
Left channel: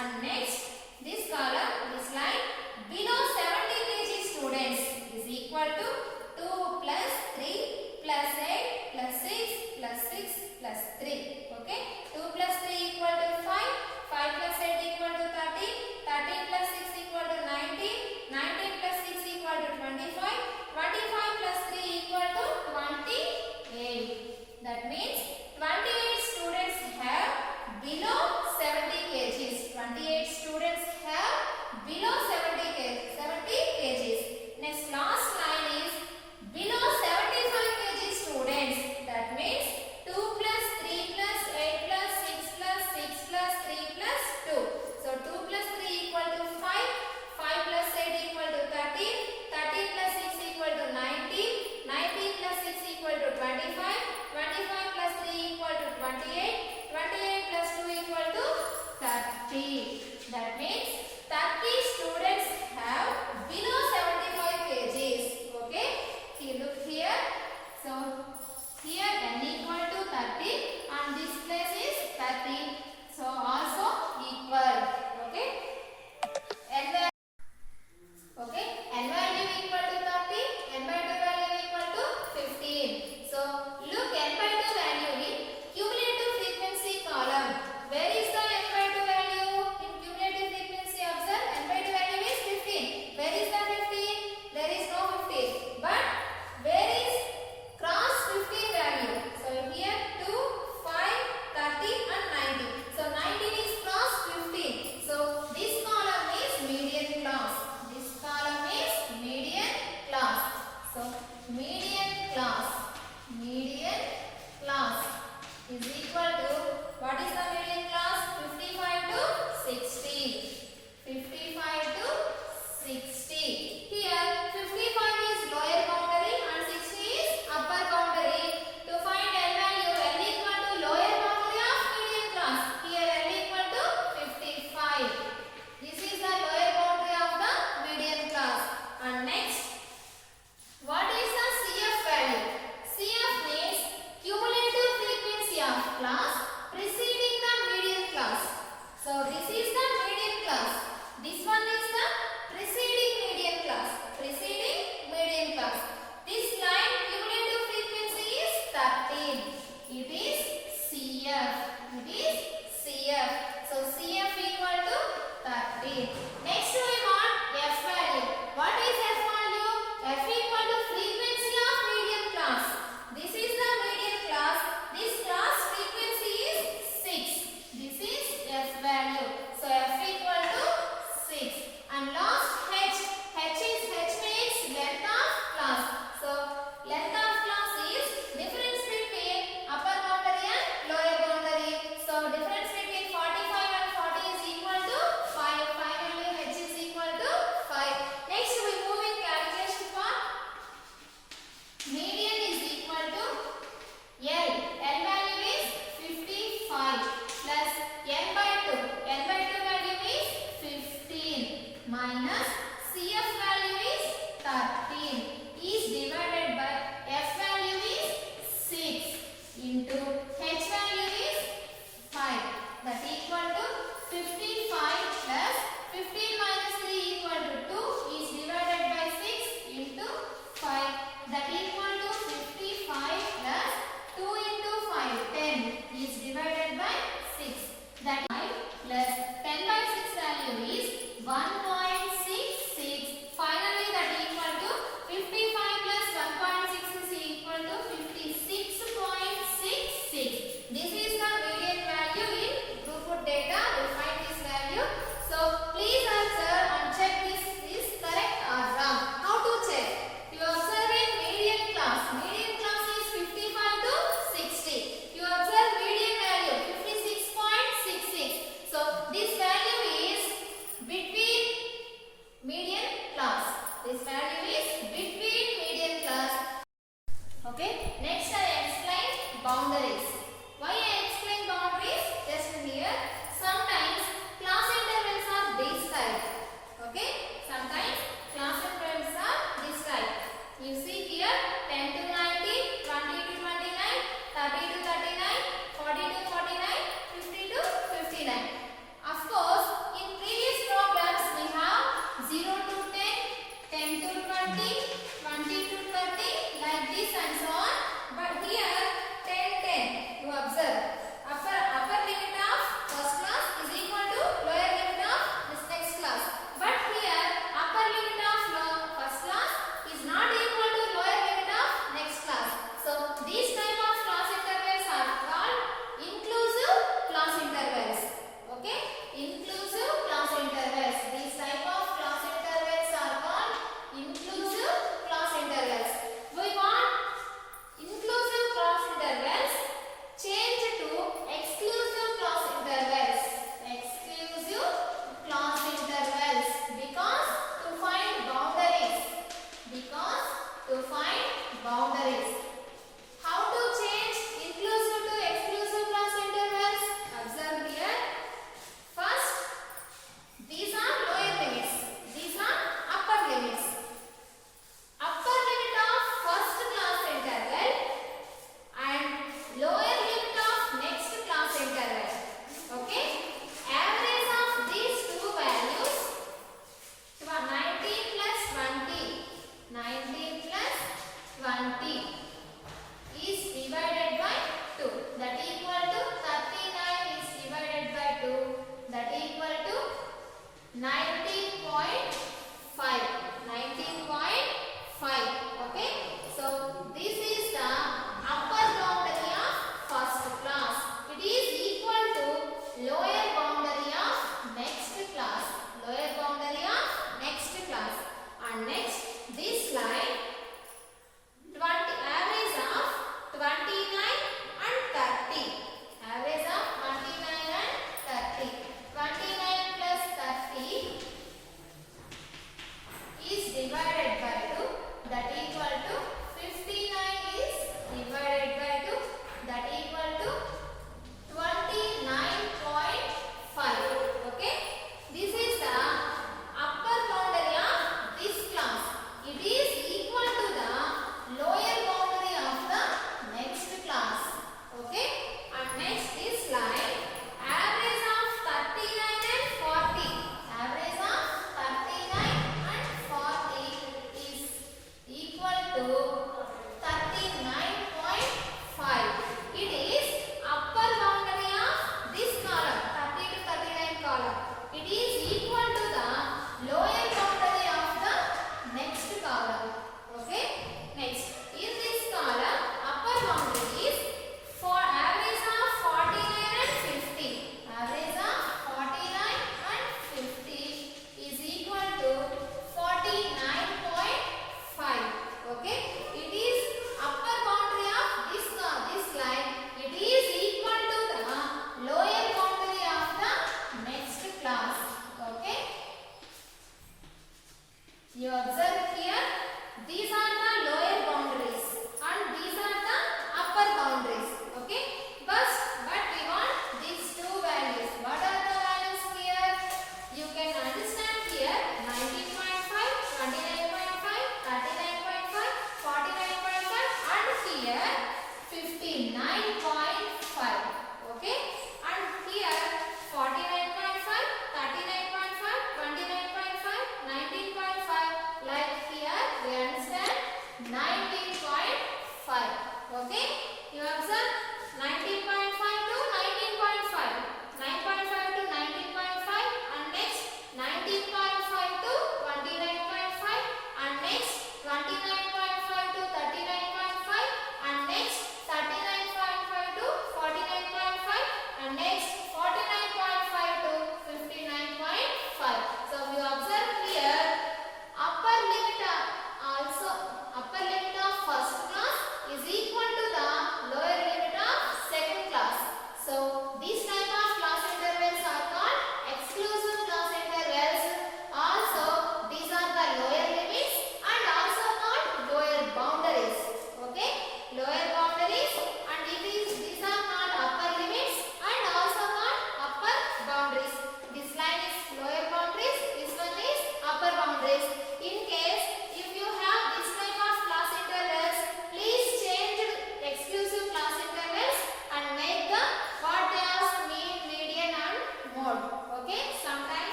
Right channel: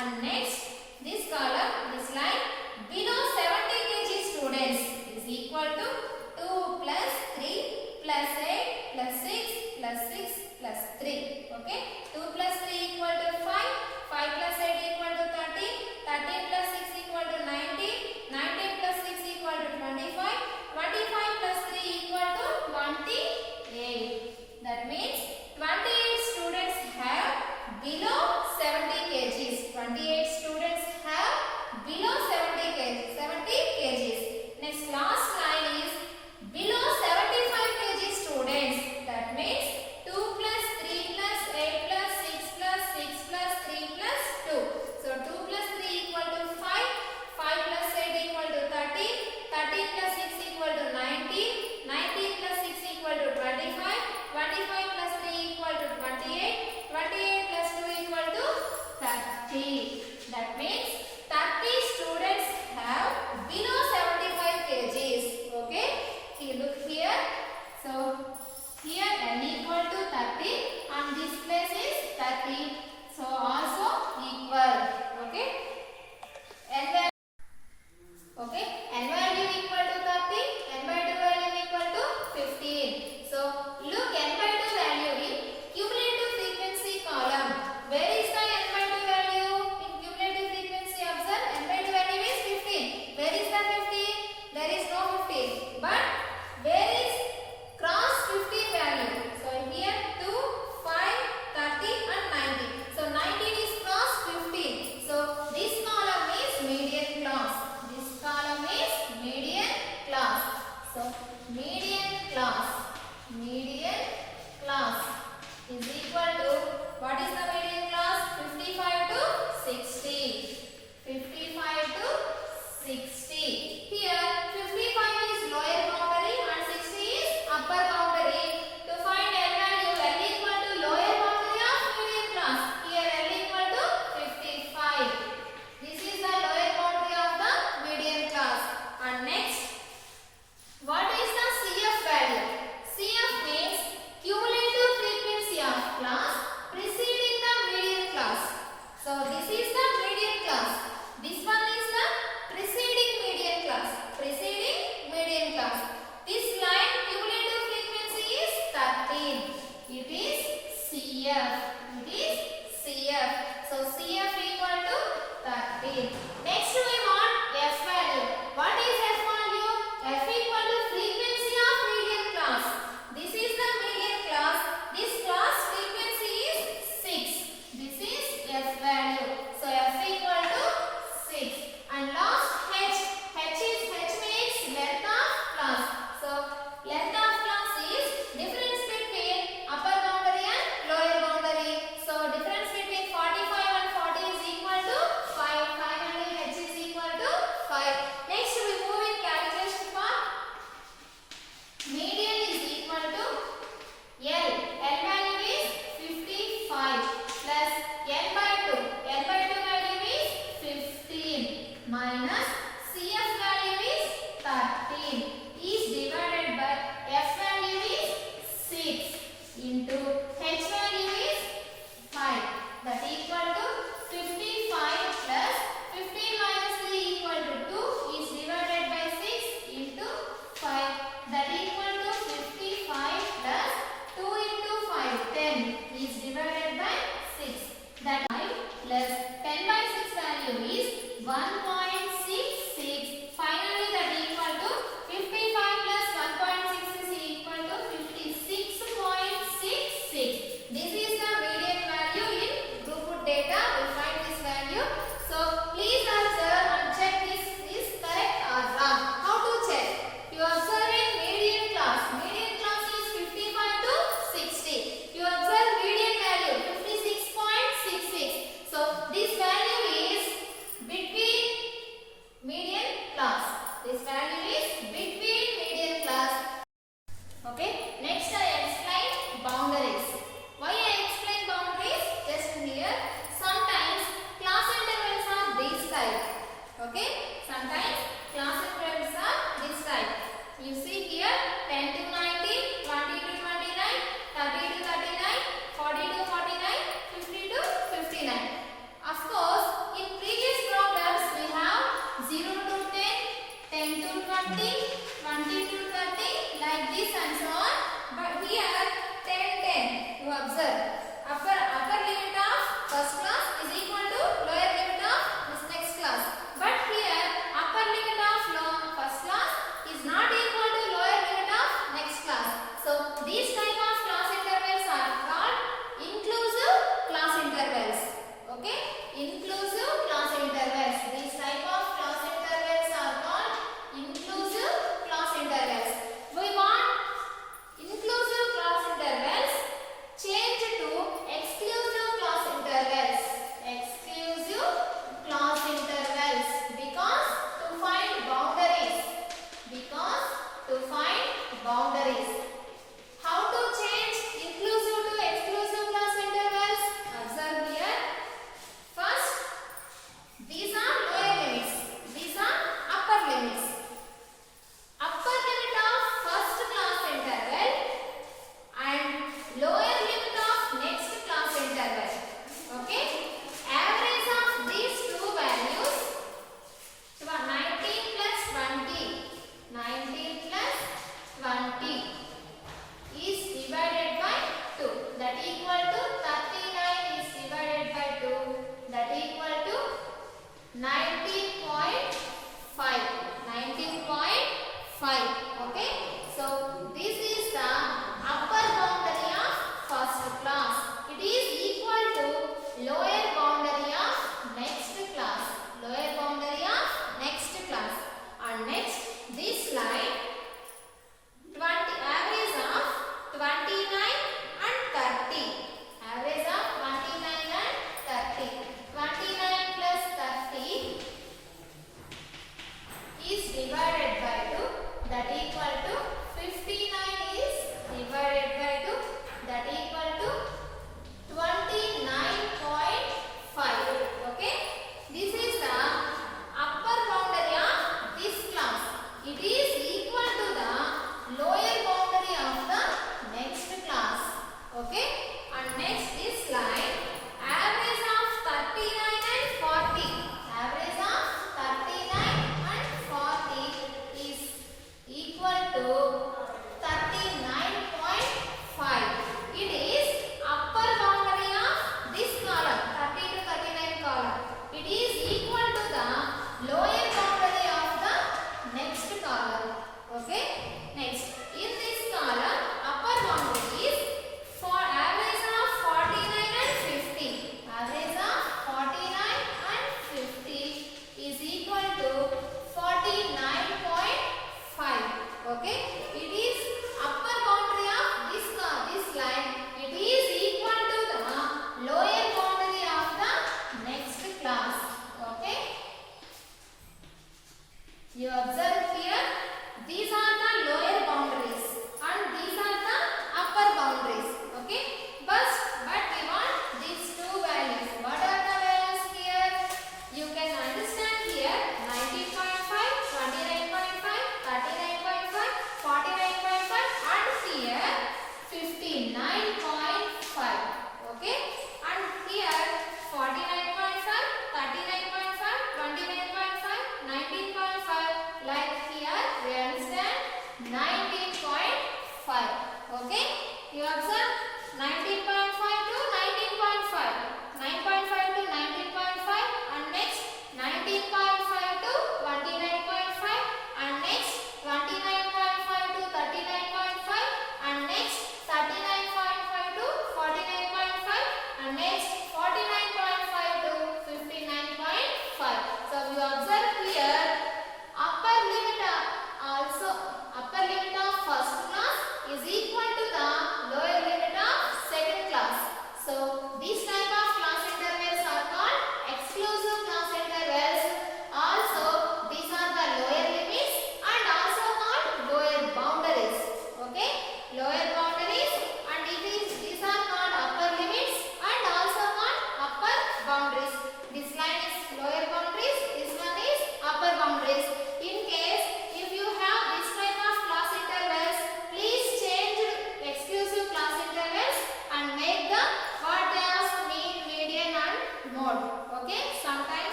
And next, this column is like below 70 kg students is equal to 2 plus 3 plus 8 plus 6 plus 6 plus 3. Okay, 2 plus 3 equal to 5, 5 plus 8 equal to 13, 13 plus 6 equal to 19, 19 plus 6 equal to 25, 25 plus 3 equal to 28. That means 28 students have below 70 kgs. 28 students have below 70 kgs. 70 kgs. Next, last line is below 75 kg students. That means 2 plus 3 plus 8 plus 6 plus 6 plus 3 plus 2. So 2 plus 3 equal to 5, 5 plus 8 equal to 13, 13 plus 6 equal to 19, 19 plus 6 equal to 25, 25 plus 3 equal to 28, 28 plus 2 equal to 30. That means 30 students have below 75 kgs. Okay, see, look here. So here n equal to 30 and this place is 30. So also equal. Okay, okay, n value equal to 30, n by 2 value equal to 15. So look, n by 2 value in cumulative frequency column. Where is the n by 2 value in cumulative frequency? Observe, n by 2 value is 15. Where is the 15? There is no 15. But where is cross 15 value? So here 2, 5, 30 and 90. So 19 is cross 15. So this column is median class. This column is median class. So median class is equal to, what is the median class? 55 to 60. 55 to 60. Here 55 is lower boundary and 60 is upper boundary. To find L value, L equal to lower boundary of median class. Here L equal to 55. This is the lower boundary of the median class. And next, what is the CF value? CF means cumulative frequency of class preceding the median class. So this is the median class. This one is the preceding median class. Preceding median class. This line cumulative frequency is 13. It is CF. It is CF. So CF equal to 13.